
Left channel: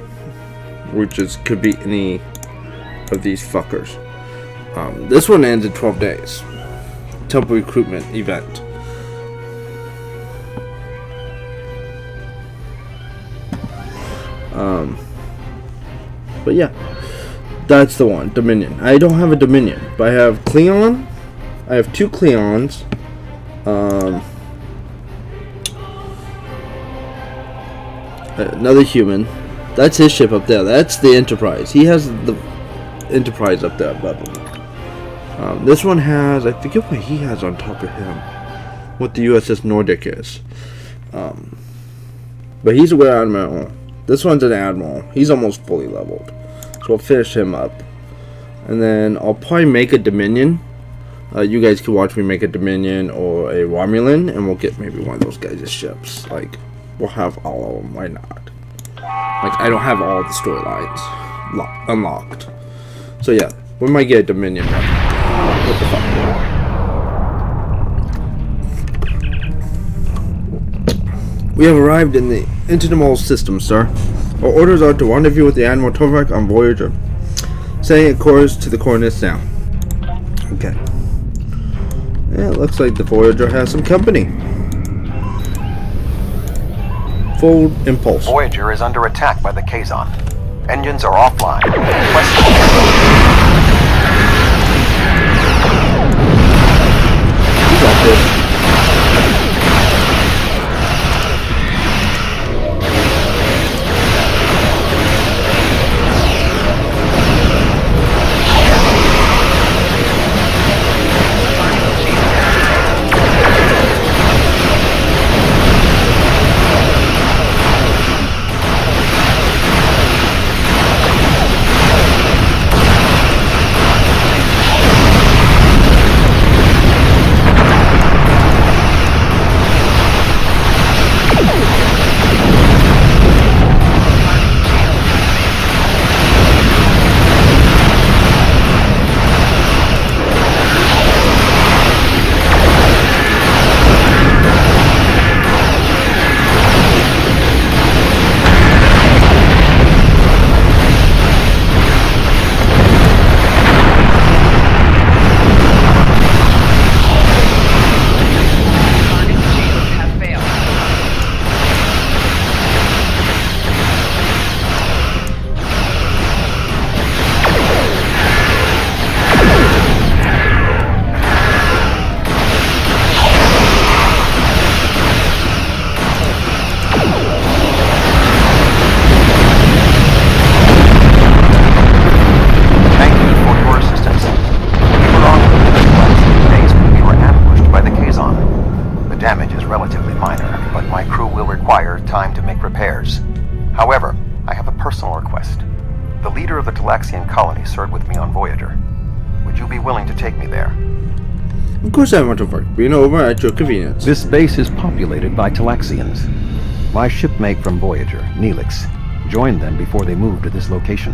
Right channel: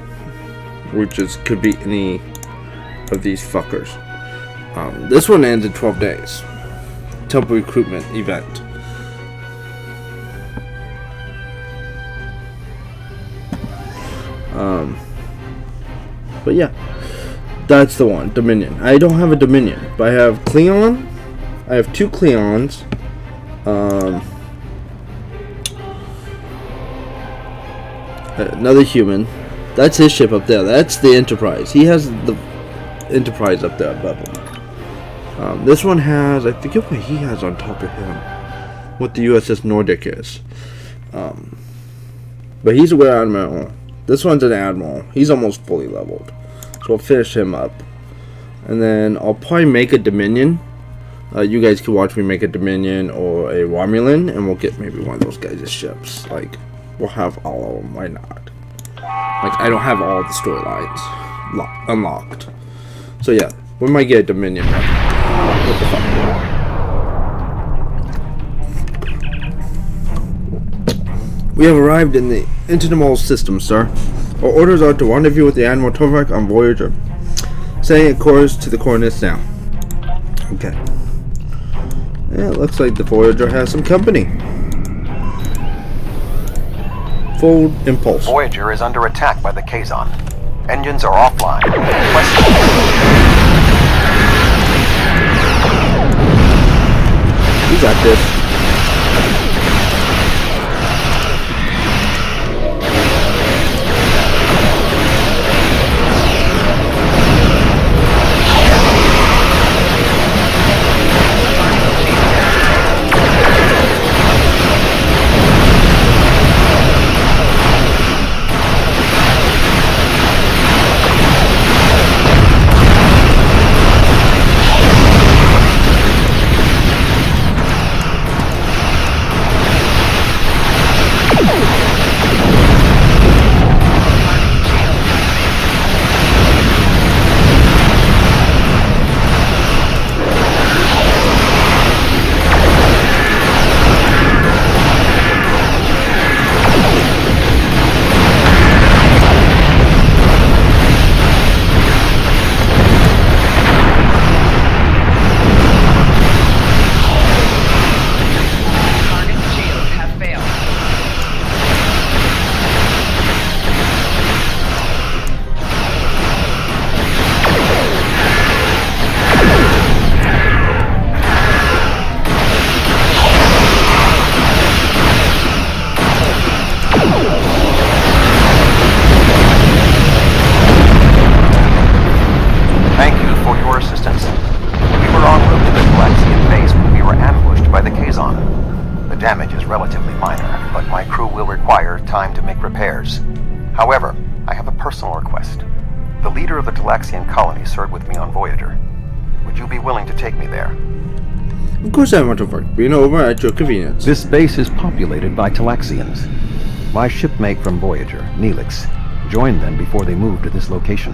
which is could be any of these fuckers. This one ends in 12 days. Temple recruitment event. But yeah, that's the one, Dominion. I don't have a Dominion, but I have Klingon. I have 2 Klingons. Another human. That's his ship up there. That's the Enterprise. He has the Enterprise up there above him. This one has, I forget what he has on top of him. What the USS Nordic is. But he's a Rear Admiral. This one's an Admiral. He's almost fully leveled. So I'll finish him up. And then I'll probably make a Dominion. You guys can watch me make a Dominion or a Romulan, and we'll get maybe one of those guys' ships. Like, we'll have all of them. Why not? Like, I don't have all the storylines unlocked. So yeah, we might get a Dominion one. What the fuck? We have arrived in the Intermol system, sir. Our orders are to rendezvous with the Admiral Tovrak on Voyager. Setting a course to the coordinates now. Okay. Yeah, it looks like the Voyager has some company. Full impulse. Voyager is under attack by the Kazon. Engines are offline. You got this. However, I have a personal request. The leader of the Talaxian colony served with me on Voyager. Would you be willing to take me there? Of course I want to work. Being over at your convenience. This base is populated by Talaxians. My shipmate from Voyager, Neelix, joined them before they moved to this location.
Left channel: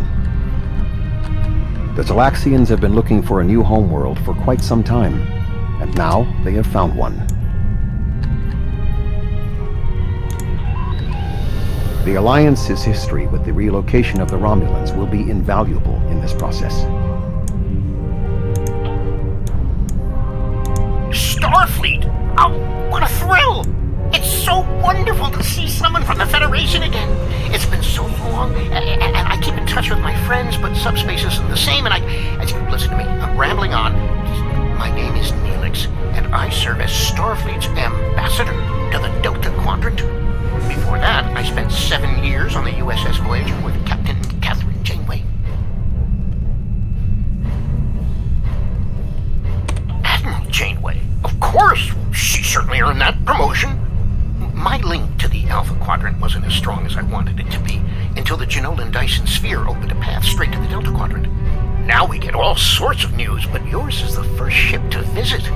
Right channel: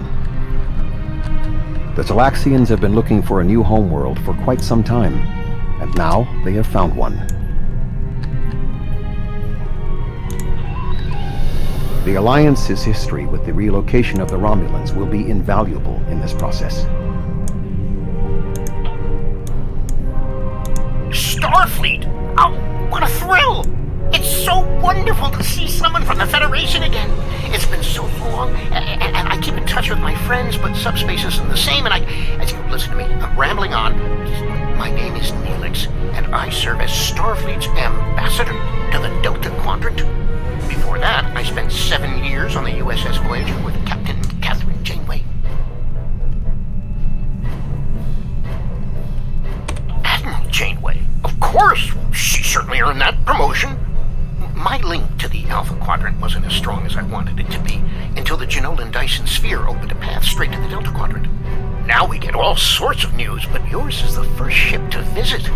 The Talaxians have been looking for a new homeworld for quite some time, and now they have found one. The Alliance's history with the relocation of the Romulans will be invaluable in this process. Starfleet! Oh, what a thrill! It's so wonderful to see someone from the Federation again. It's been so long, and I keep in touch with my friends, but subspace isn't the same, and listen to me, I'm rambling on. My name is Neelix, and I serve as Starfleet's ambassador to the Delta Quadrant. Before that, I spent 7 years on the USS Voyager with Captain Catherine Janeway. Admiral Janeway? Of course! She certainly earned that promotion. My link to the Alpha Quadrant wasn't as strong as I wanted it to be until the Jenolan Dyson Sphere opened a path straight to the Delta Quadrant. Now we get all sorts of news, but yours is the first ship to visit.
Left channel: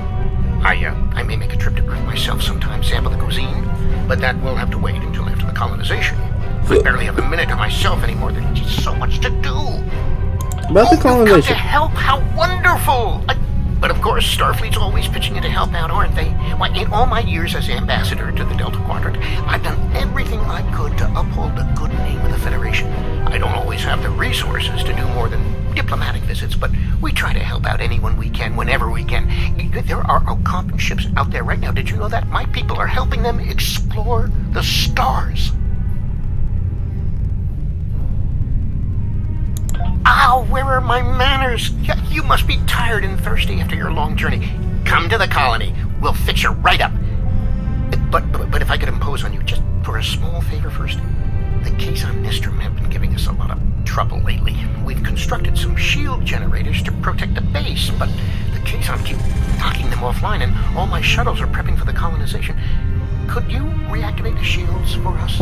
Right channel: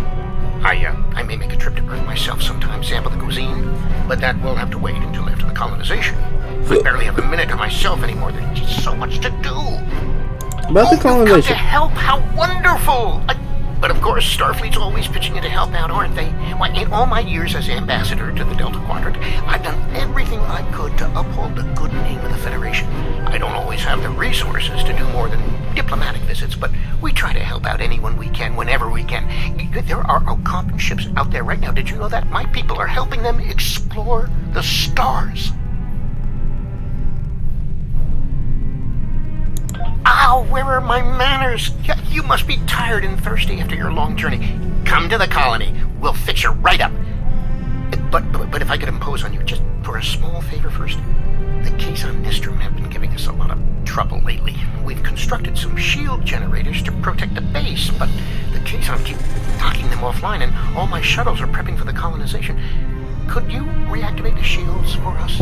I may make a trip to Earth myself sometime, sample the cuisine, but that will have to wait until after the colonization. I barely have a minute to myself anymore. There's just so much to do. About the colonization. You've come to help. How wonderful! But of course, Starfleet's always pitching in to help out, aren't they? Why, in all my years as ambassador to the Delta Quadrant, I've done everything I could to uphold the good name of the Federation. I don't always have the resources to do more than diplomatic visits, but we try to help out anyone we can, whenever we can. There are Ocampan ships out there right now. Did you know that? My people are helping them explore the stars. Ow, where are my manners? You must be tired and thirsty after your long journey. Come to the colony. We'll fix you right up. But if I could impose on you just for a small favor first. The Kazon Nistrum have been giving us a lot of trouble lately. We've constructed some shield generators to protect the base, but the Kazon keep knocking them offline, and all my shuttles are prepping for the colonization. Could you reactivate the shields for us?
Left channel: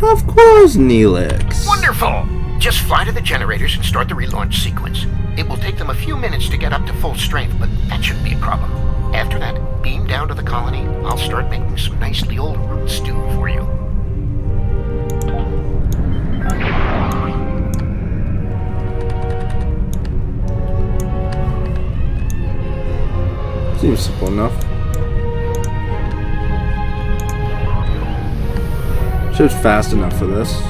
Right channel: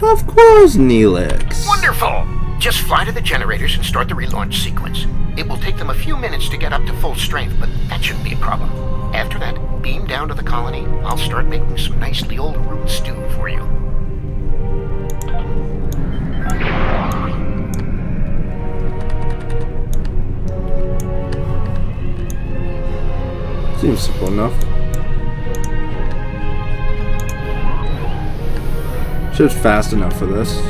Of course, Neelix. Wonderful! Just fly to the generators and start the relaunch sequence. It will take them a few minutes to get up to full strength, but that shouldn't be a problem. After that, beam down to the colony. I'll start making some nice Leola root stew for you. Seems simple enough. Ship's fast enough for this.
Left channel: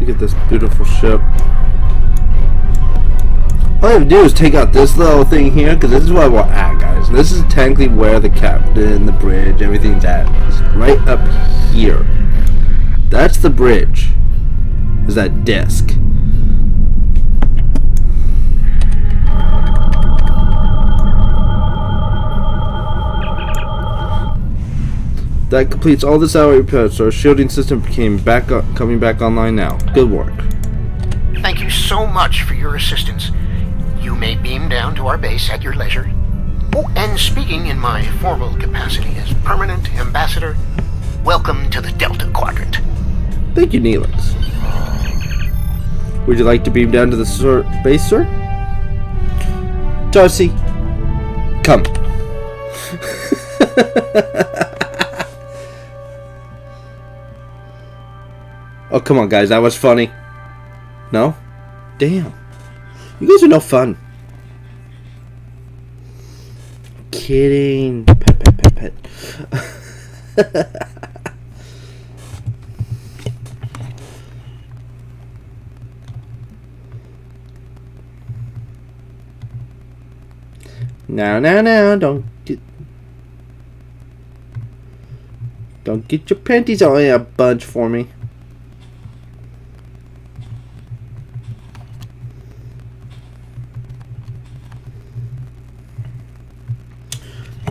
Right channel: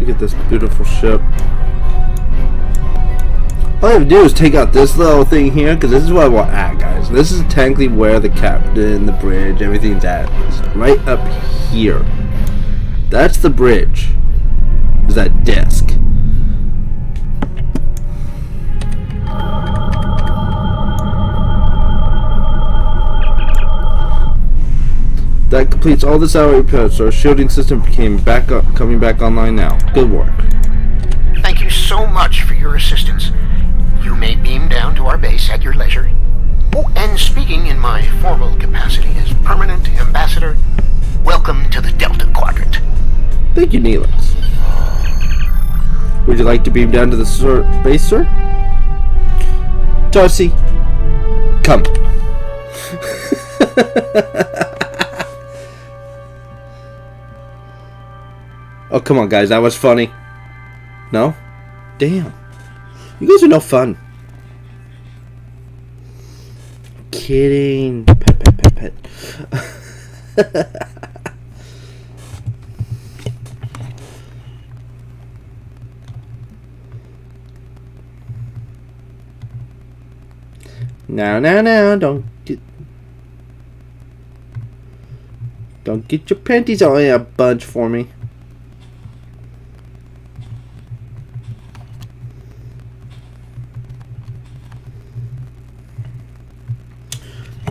Look at this beautiful ship. All I have to do is take out this little thing here, because this is where we're at, guys. This is technically where the captain, the bridge, everything's at. It's right up here. That's the bridge. Is that disc. That completes all this hour repairs, so our shielding system coming back online now. Good work. Thank you so much for your assistance. You may beam down to our base at your leisure. Oh, and speaking in my formal capacity as permanent ambassador, welcome to the Delta Quadrant. Thank you, Neelix. Would you like to beam down to the base, sir? Darcy, come. Oh, come on, guys. That was funny. No? Damn. You guys are no fun. Kidding. Pet. Now. Don't get your panties all in a bunch for me.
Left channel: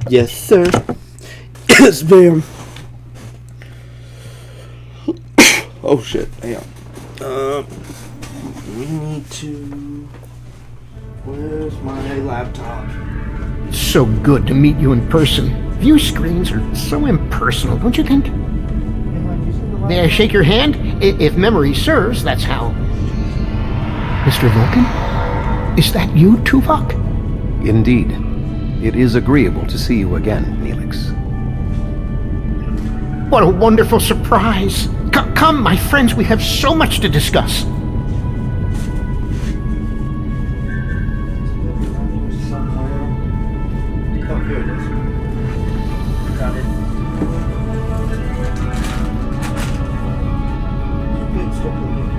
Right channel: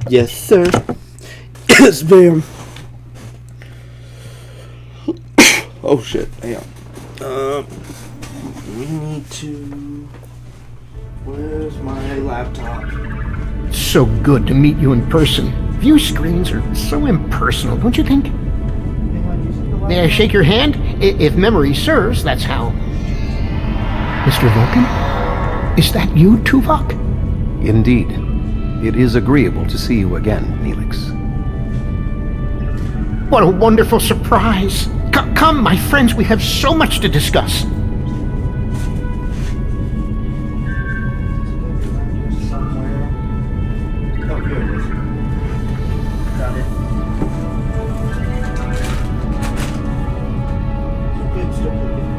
Yes, sir. Yes, ma'am. Oh shit! Hang on. We need to. Where's my laptop? So good to meet you in person. View screens are so impersonal, don't you think? May I shake your hand? If memory serves, that's how. Mr. Vulcan? Is that you, Tuvok? Indeed. It is agreeable to see you again, Neelix. What a wonderful surprise! Come, my friends, we have so much to discuss. Somewhere. Oh, here it is. Got it. Good, still looking.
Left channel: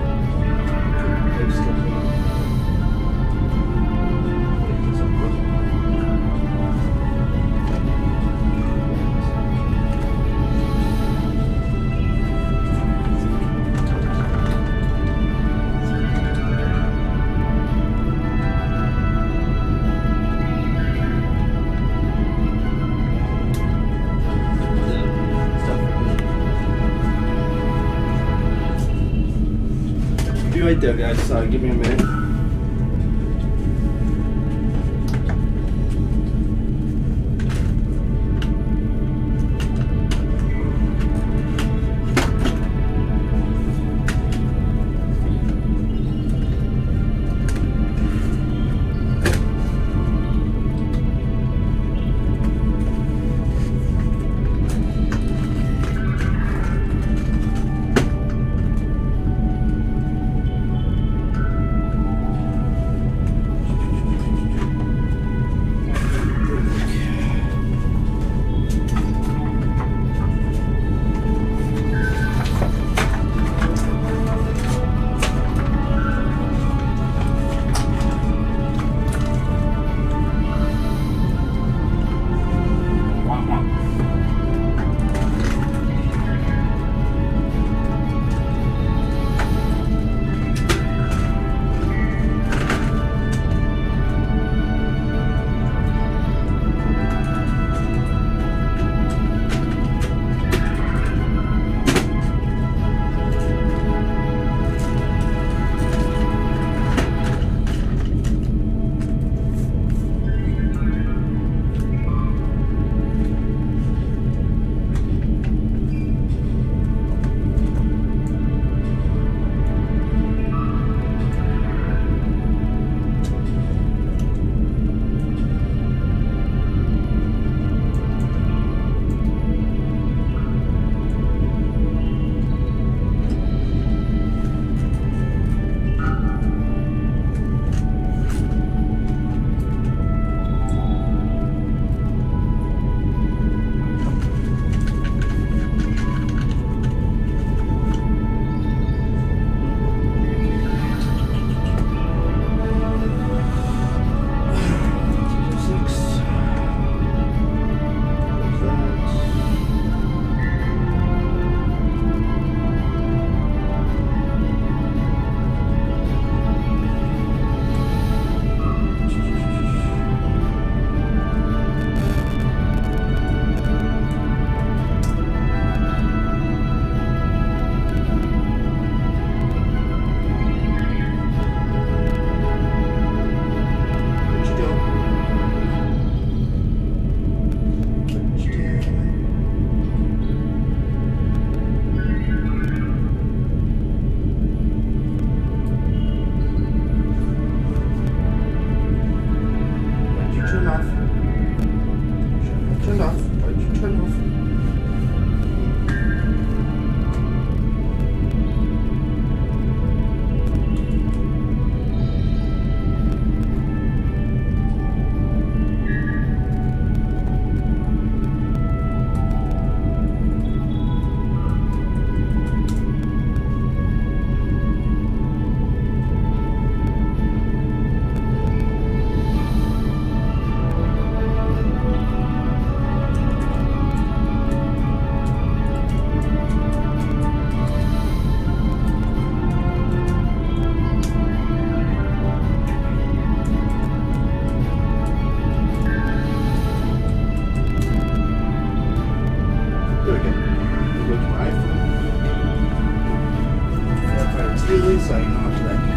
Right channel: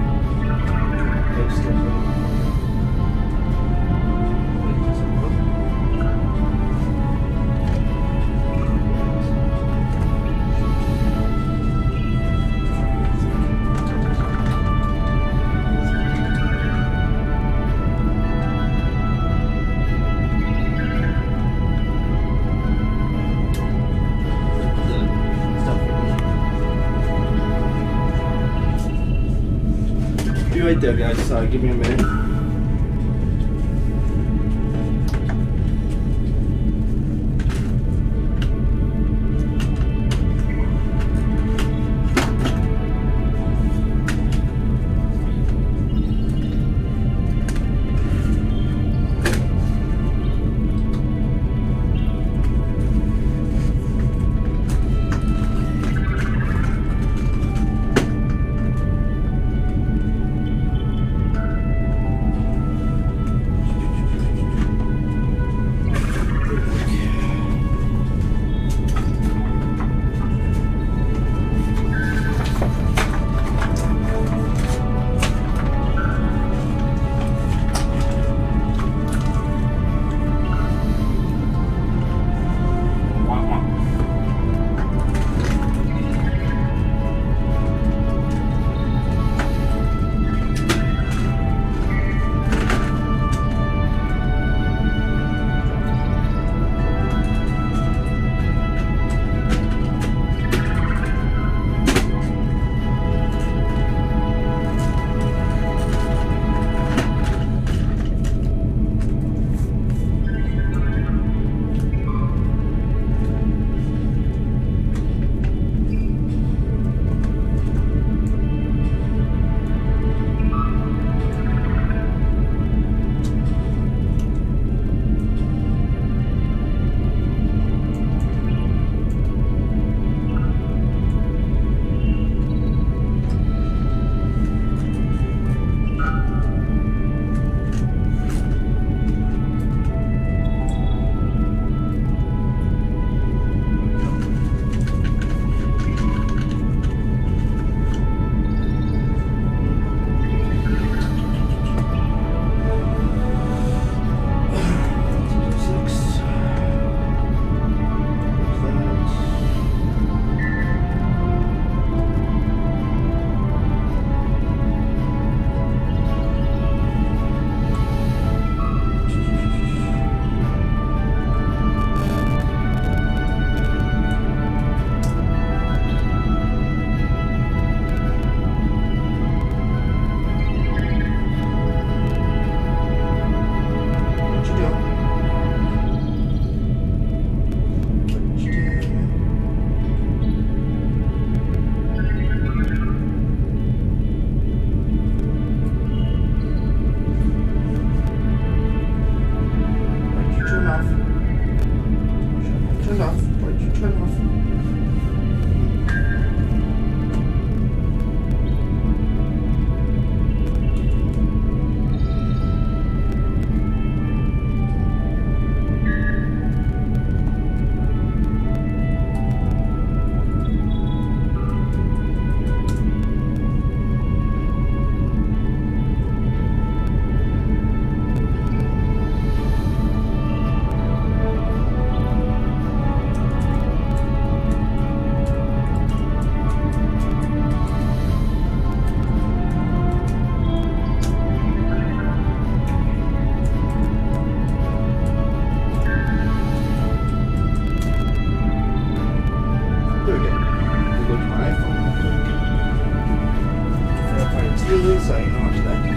Good, still looking. Be right there, guys. Give me a minute.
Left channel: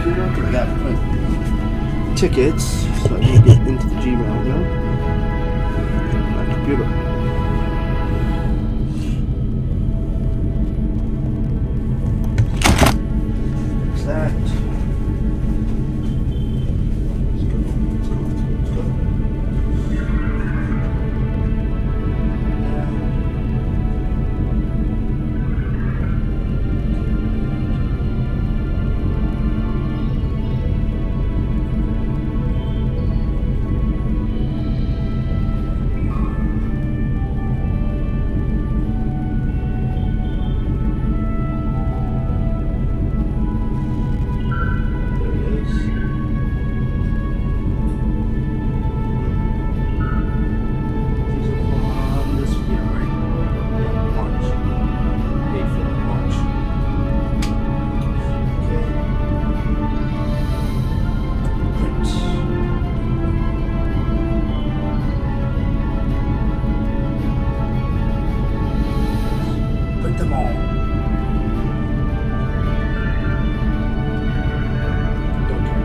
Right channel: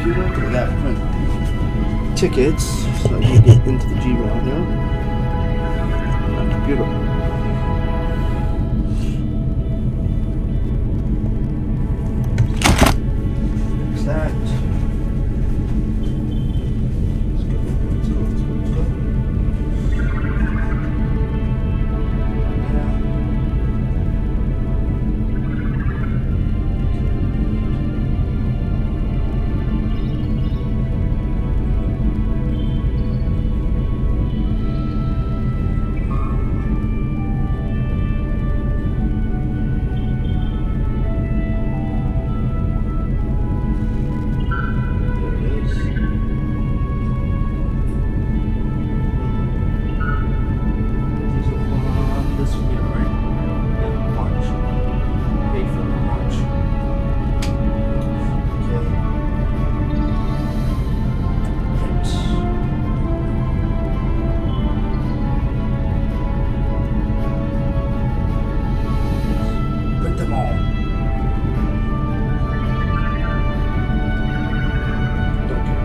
computer because I got to print the tickets, so I can get into the Gmail here. My computer. Fix that. Let's go. Them all. Don't care.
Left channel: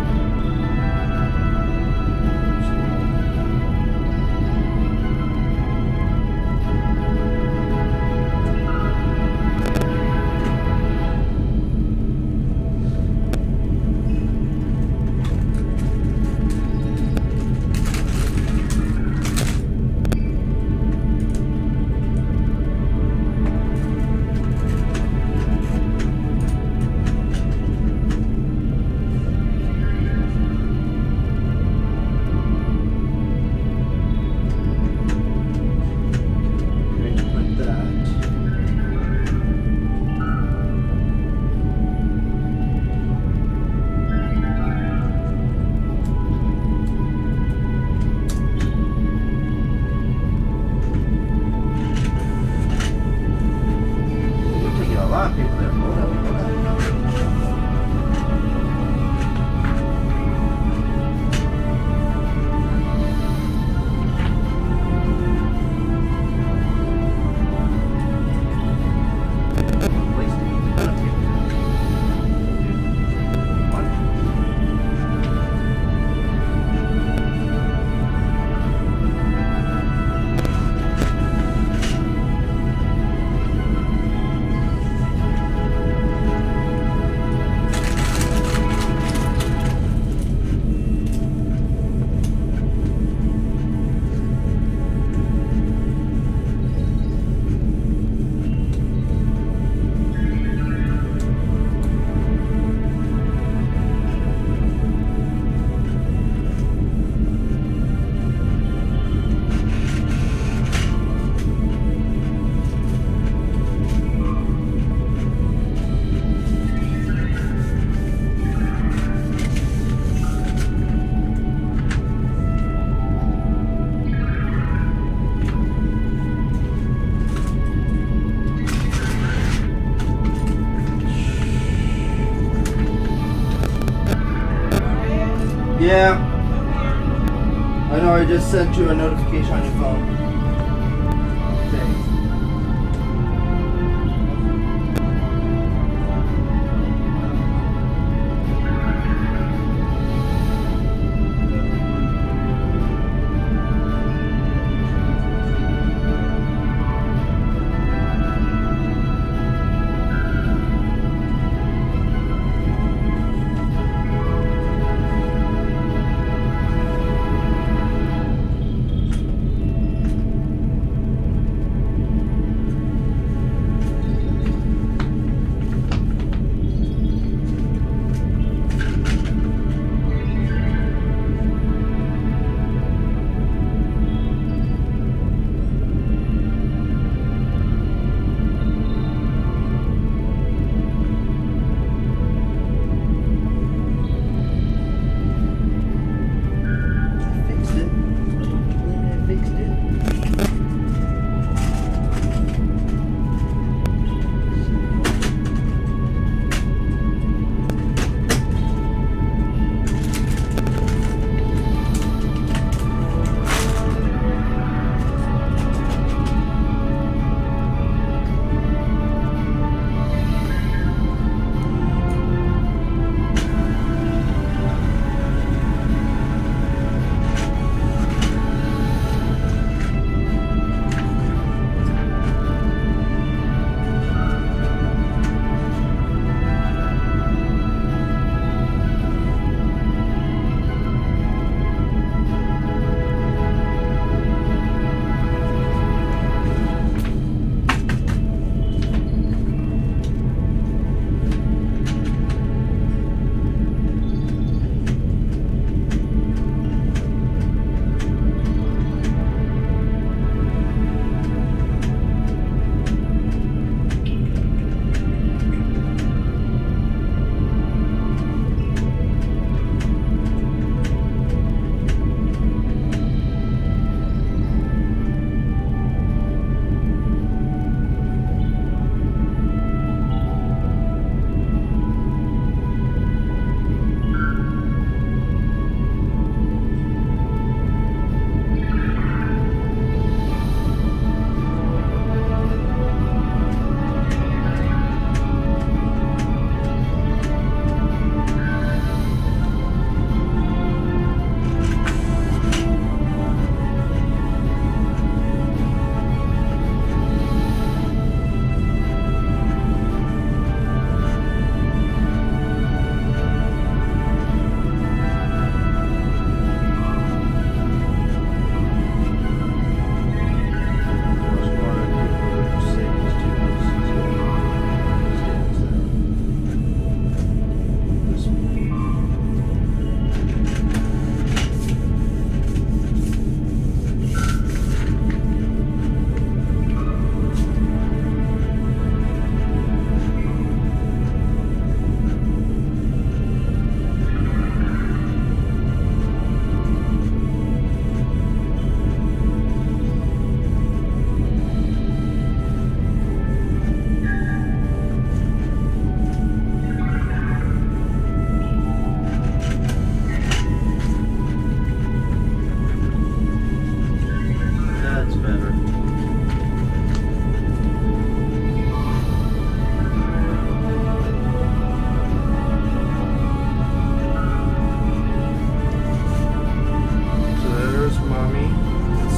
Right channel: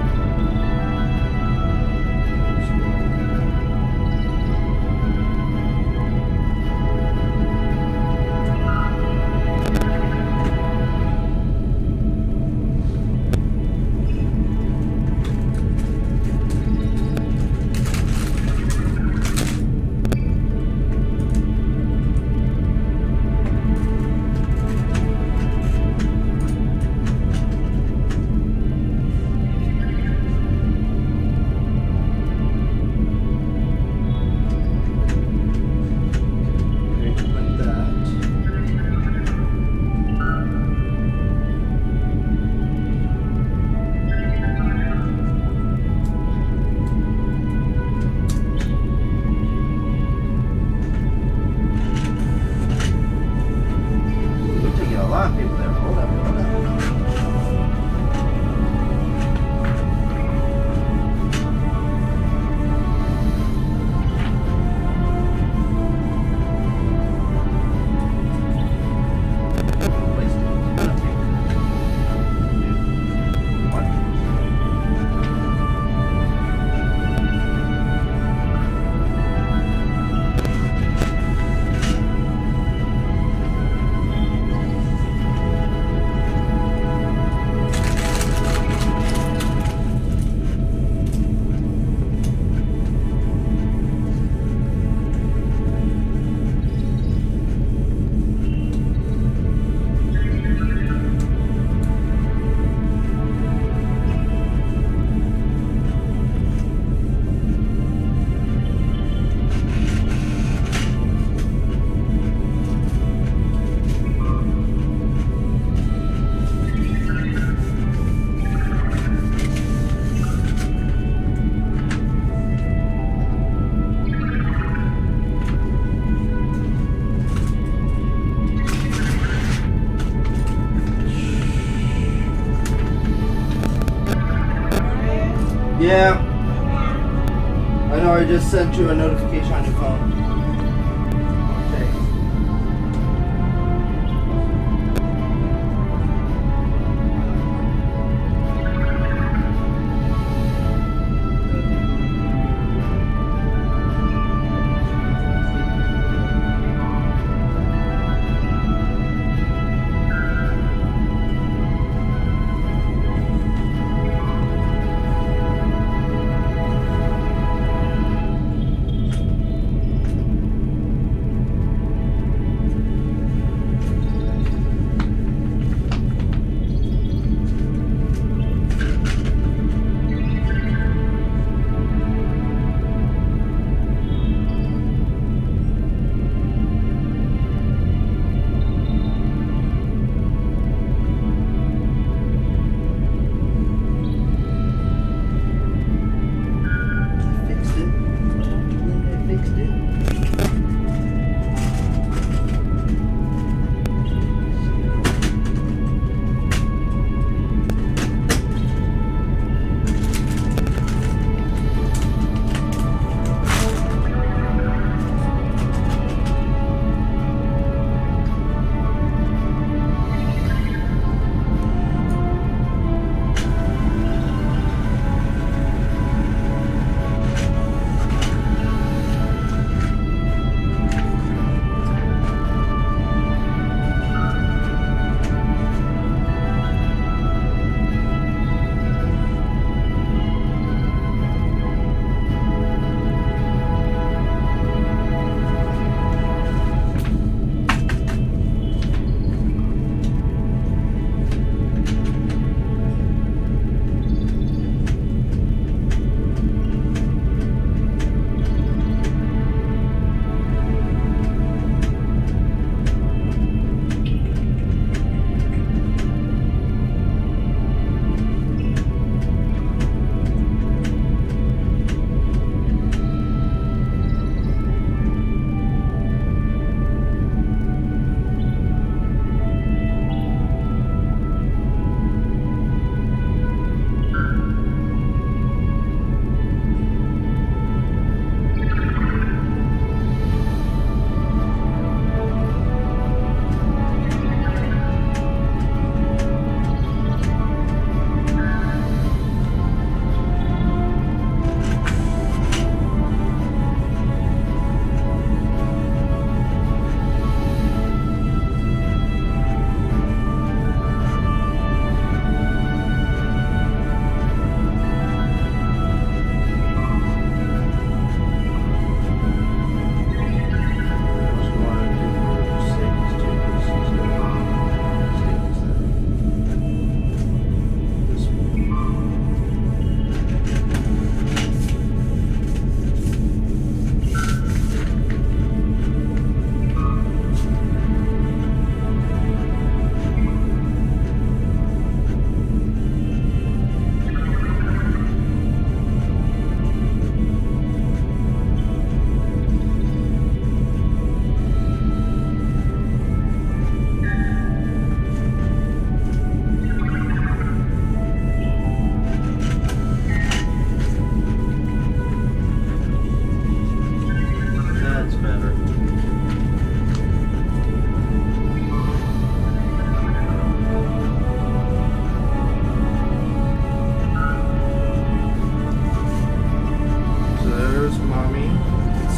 A lot of people there. Hold up. Yeah. I know, I just sent you a notification on your phone. Okay.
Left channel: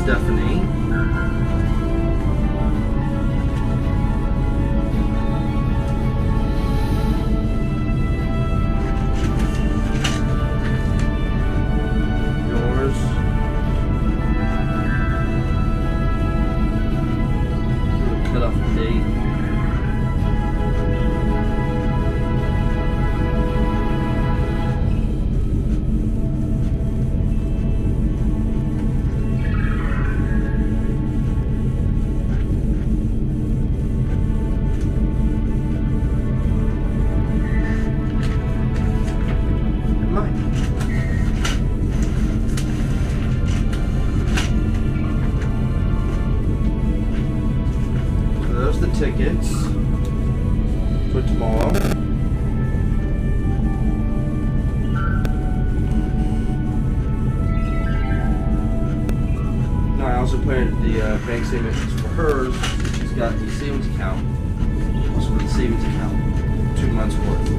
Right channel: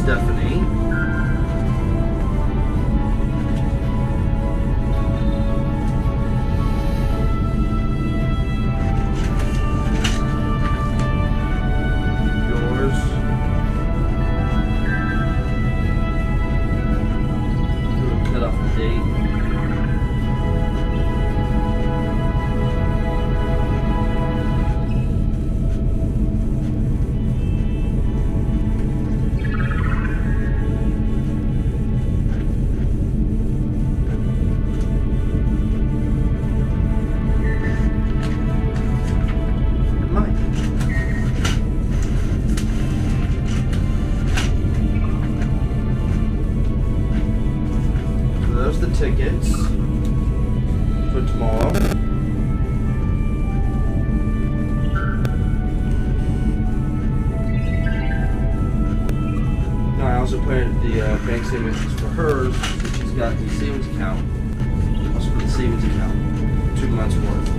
Stephanie. Yours. We'll cut off the date. Tickets for tomorrow. No, I also put in the bank statements for hers, that she's got the savings account. Also for the savings account, 2 months worth.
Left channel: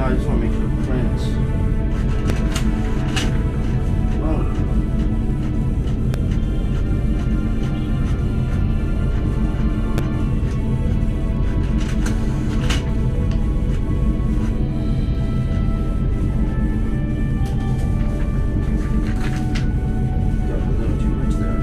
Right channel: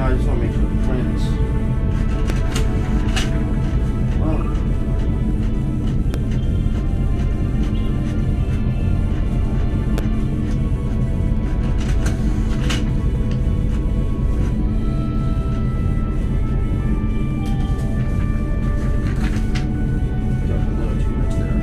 I just want to make sure it prints. Whoa. Got a little too much there.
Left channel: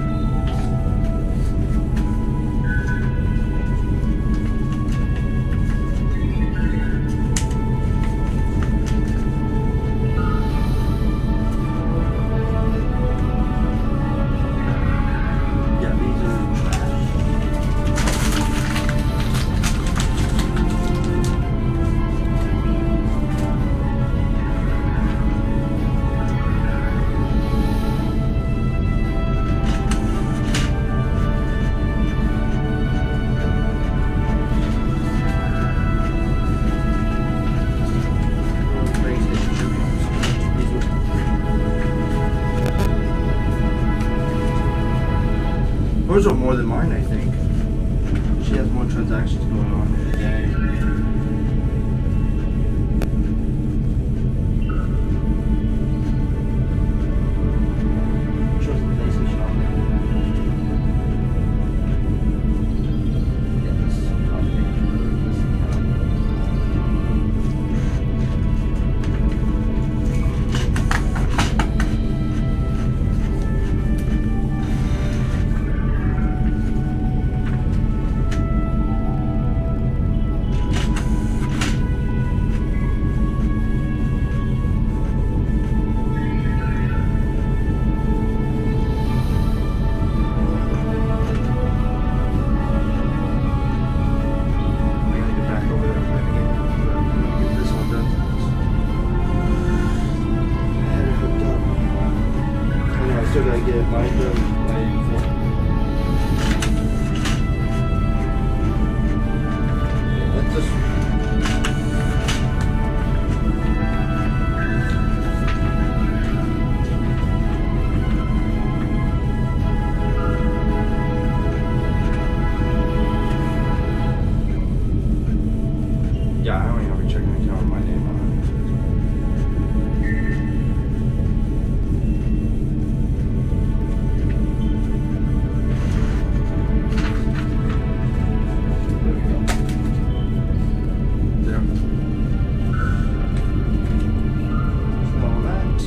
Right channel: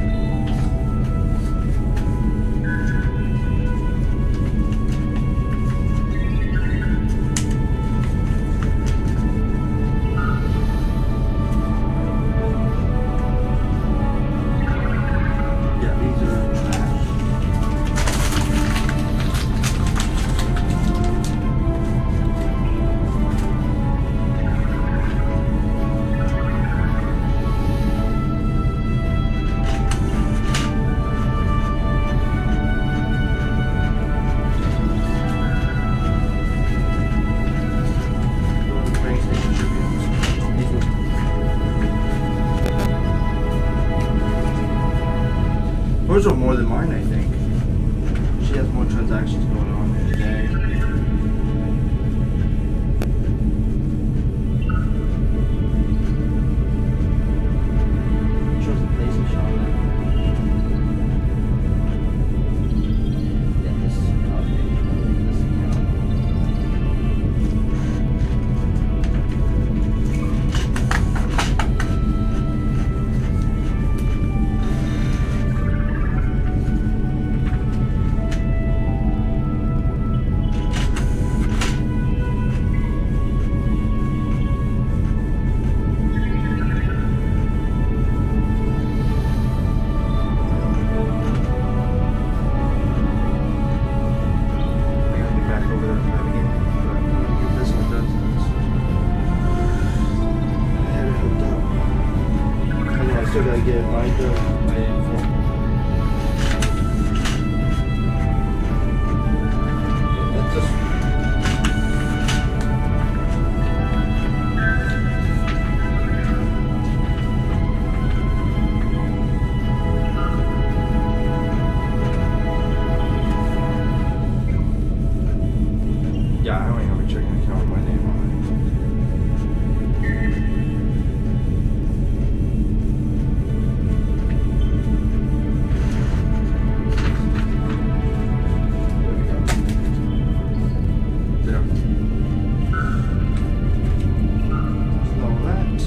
Hers are more than mine, I think. She has more transactions going on today. Shows the PlayStation on there. Yeah, this is top page of this account. over there playing the game, but I'm gonna get this one done. I had it hooked up. I know I still gotta get my phone. Okay, let's just. Yeah, I don't even have a checking account with my name on it. There we go. There. Install that.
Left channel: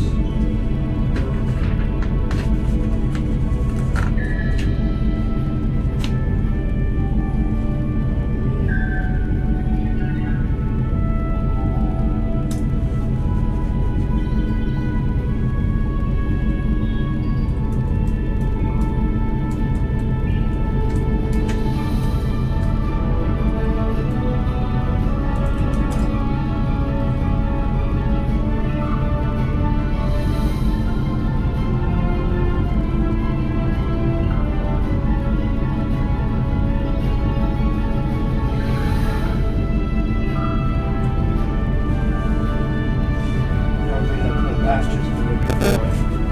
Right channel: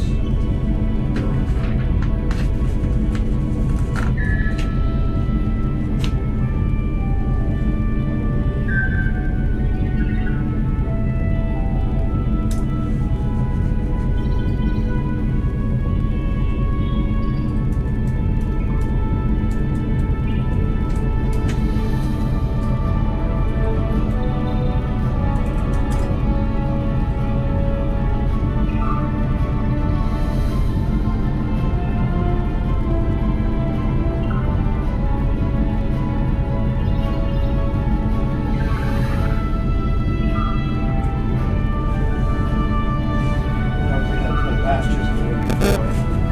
Last year's the year before.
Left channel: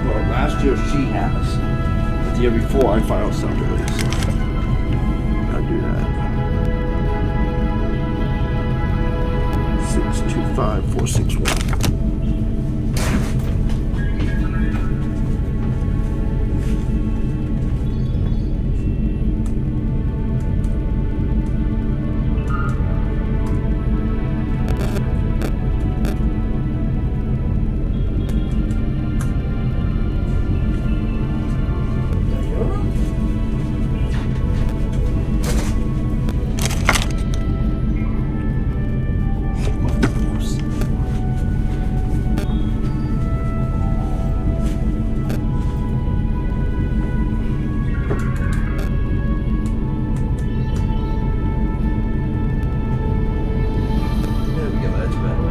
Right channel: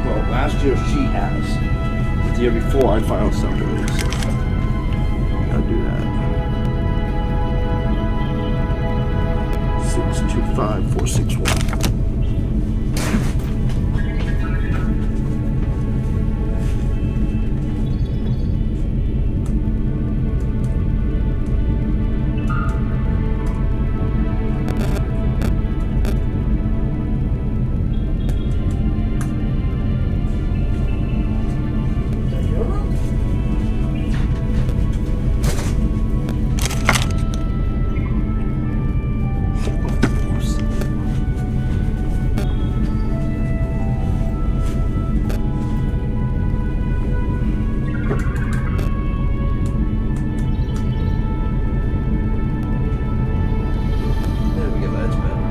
Well, last year she has. But the year before I filed separately, so gotta do that. 625461. There we go, that's better.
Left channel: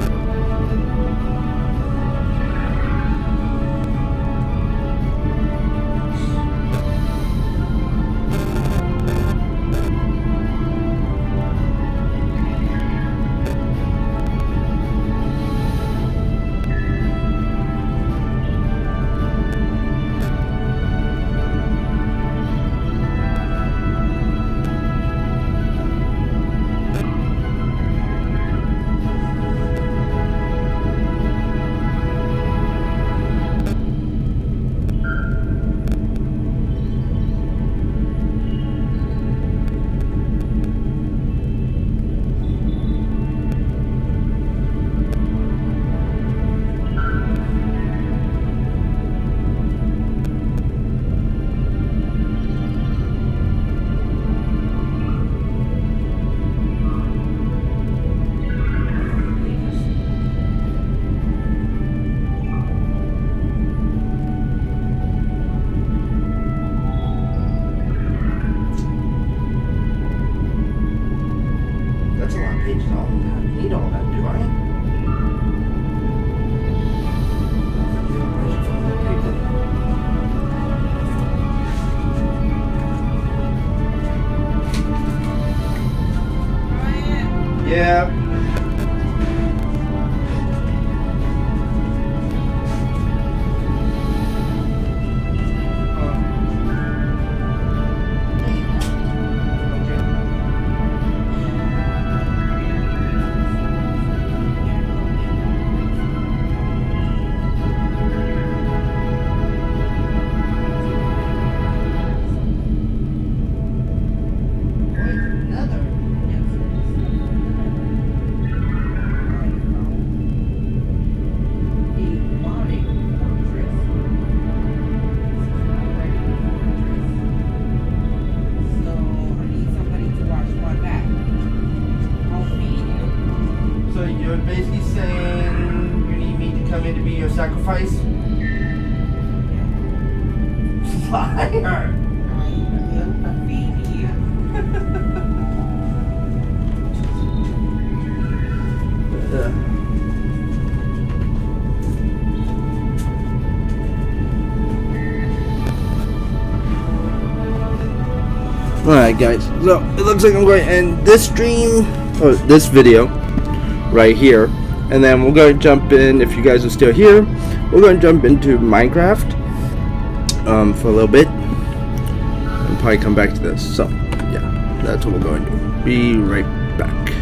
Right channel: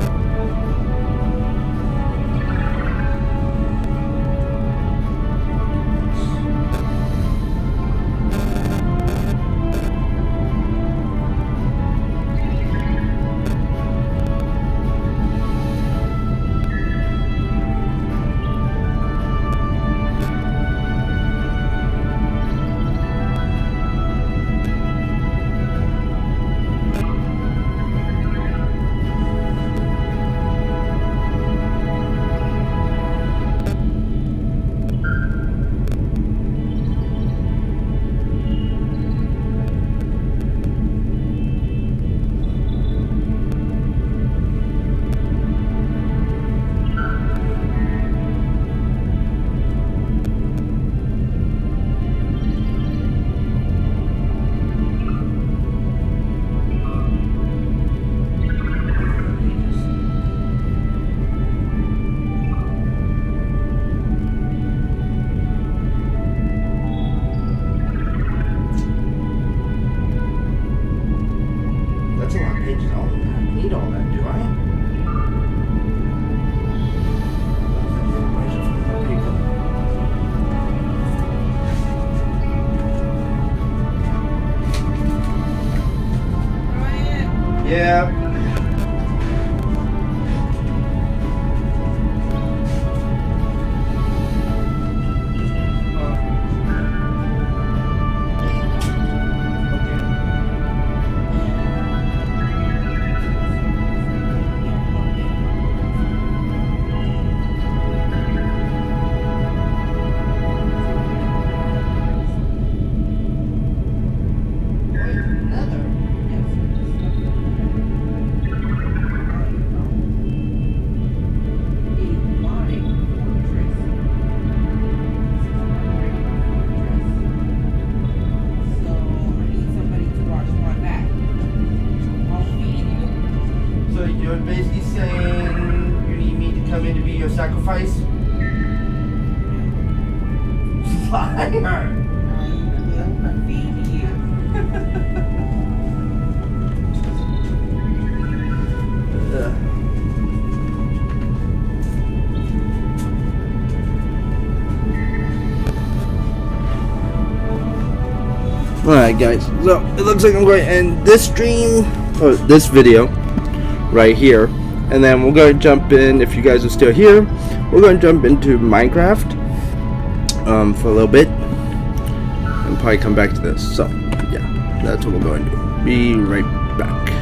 That's a lot of pages. I don't need all that, do I? Yeah. So you're basically saying you need me to come in to be your sacrifice? Liar! I will feed you. Alright guys, so it looks like I'm going to end this stream, or this video, right here. And then we're going to jump in, if you guys are still here, we're going to jump into Minecraft for a little bit. And probably come back to this. So, yeah, that's what we're going to do. Be right back.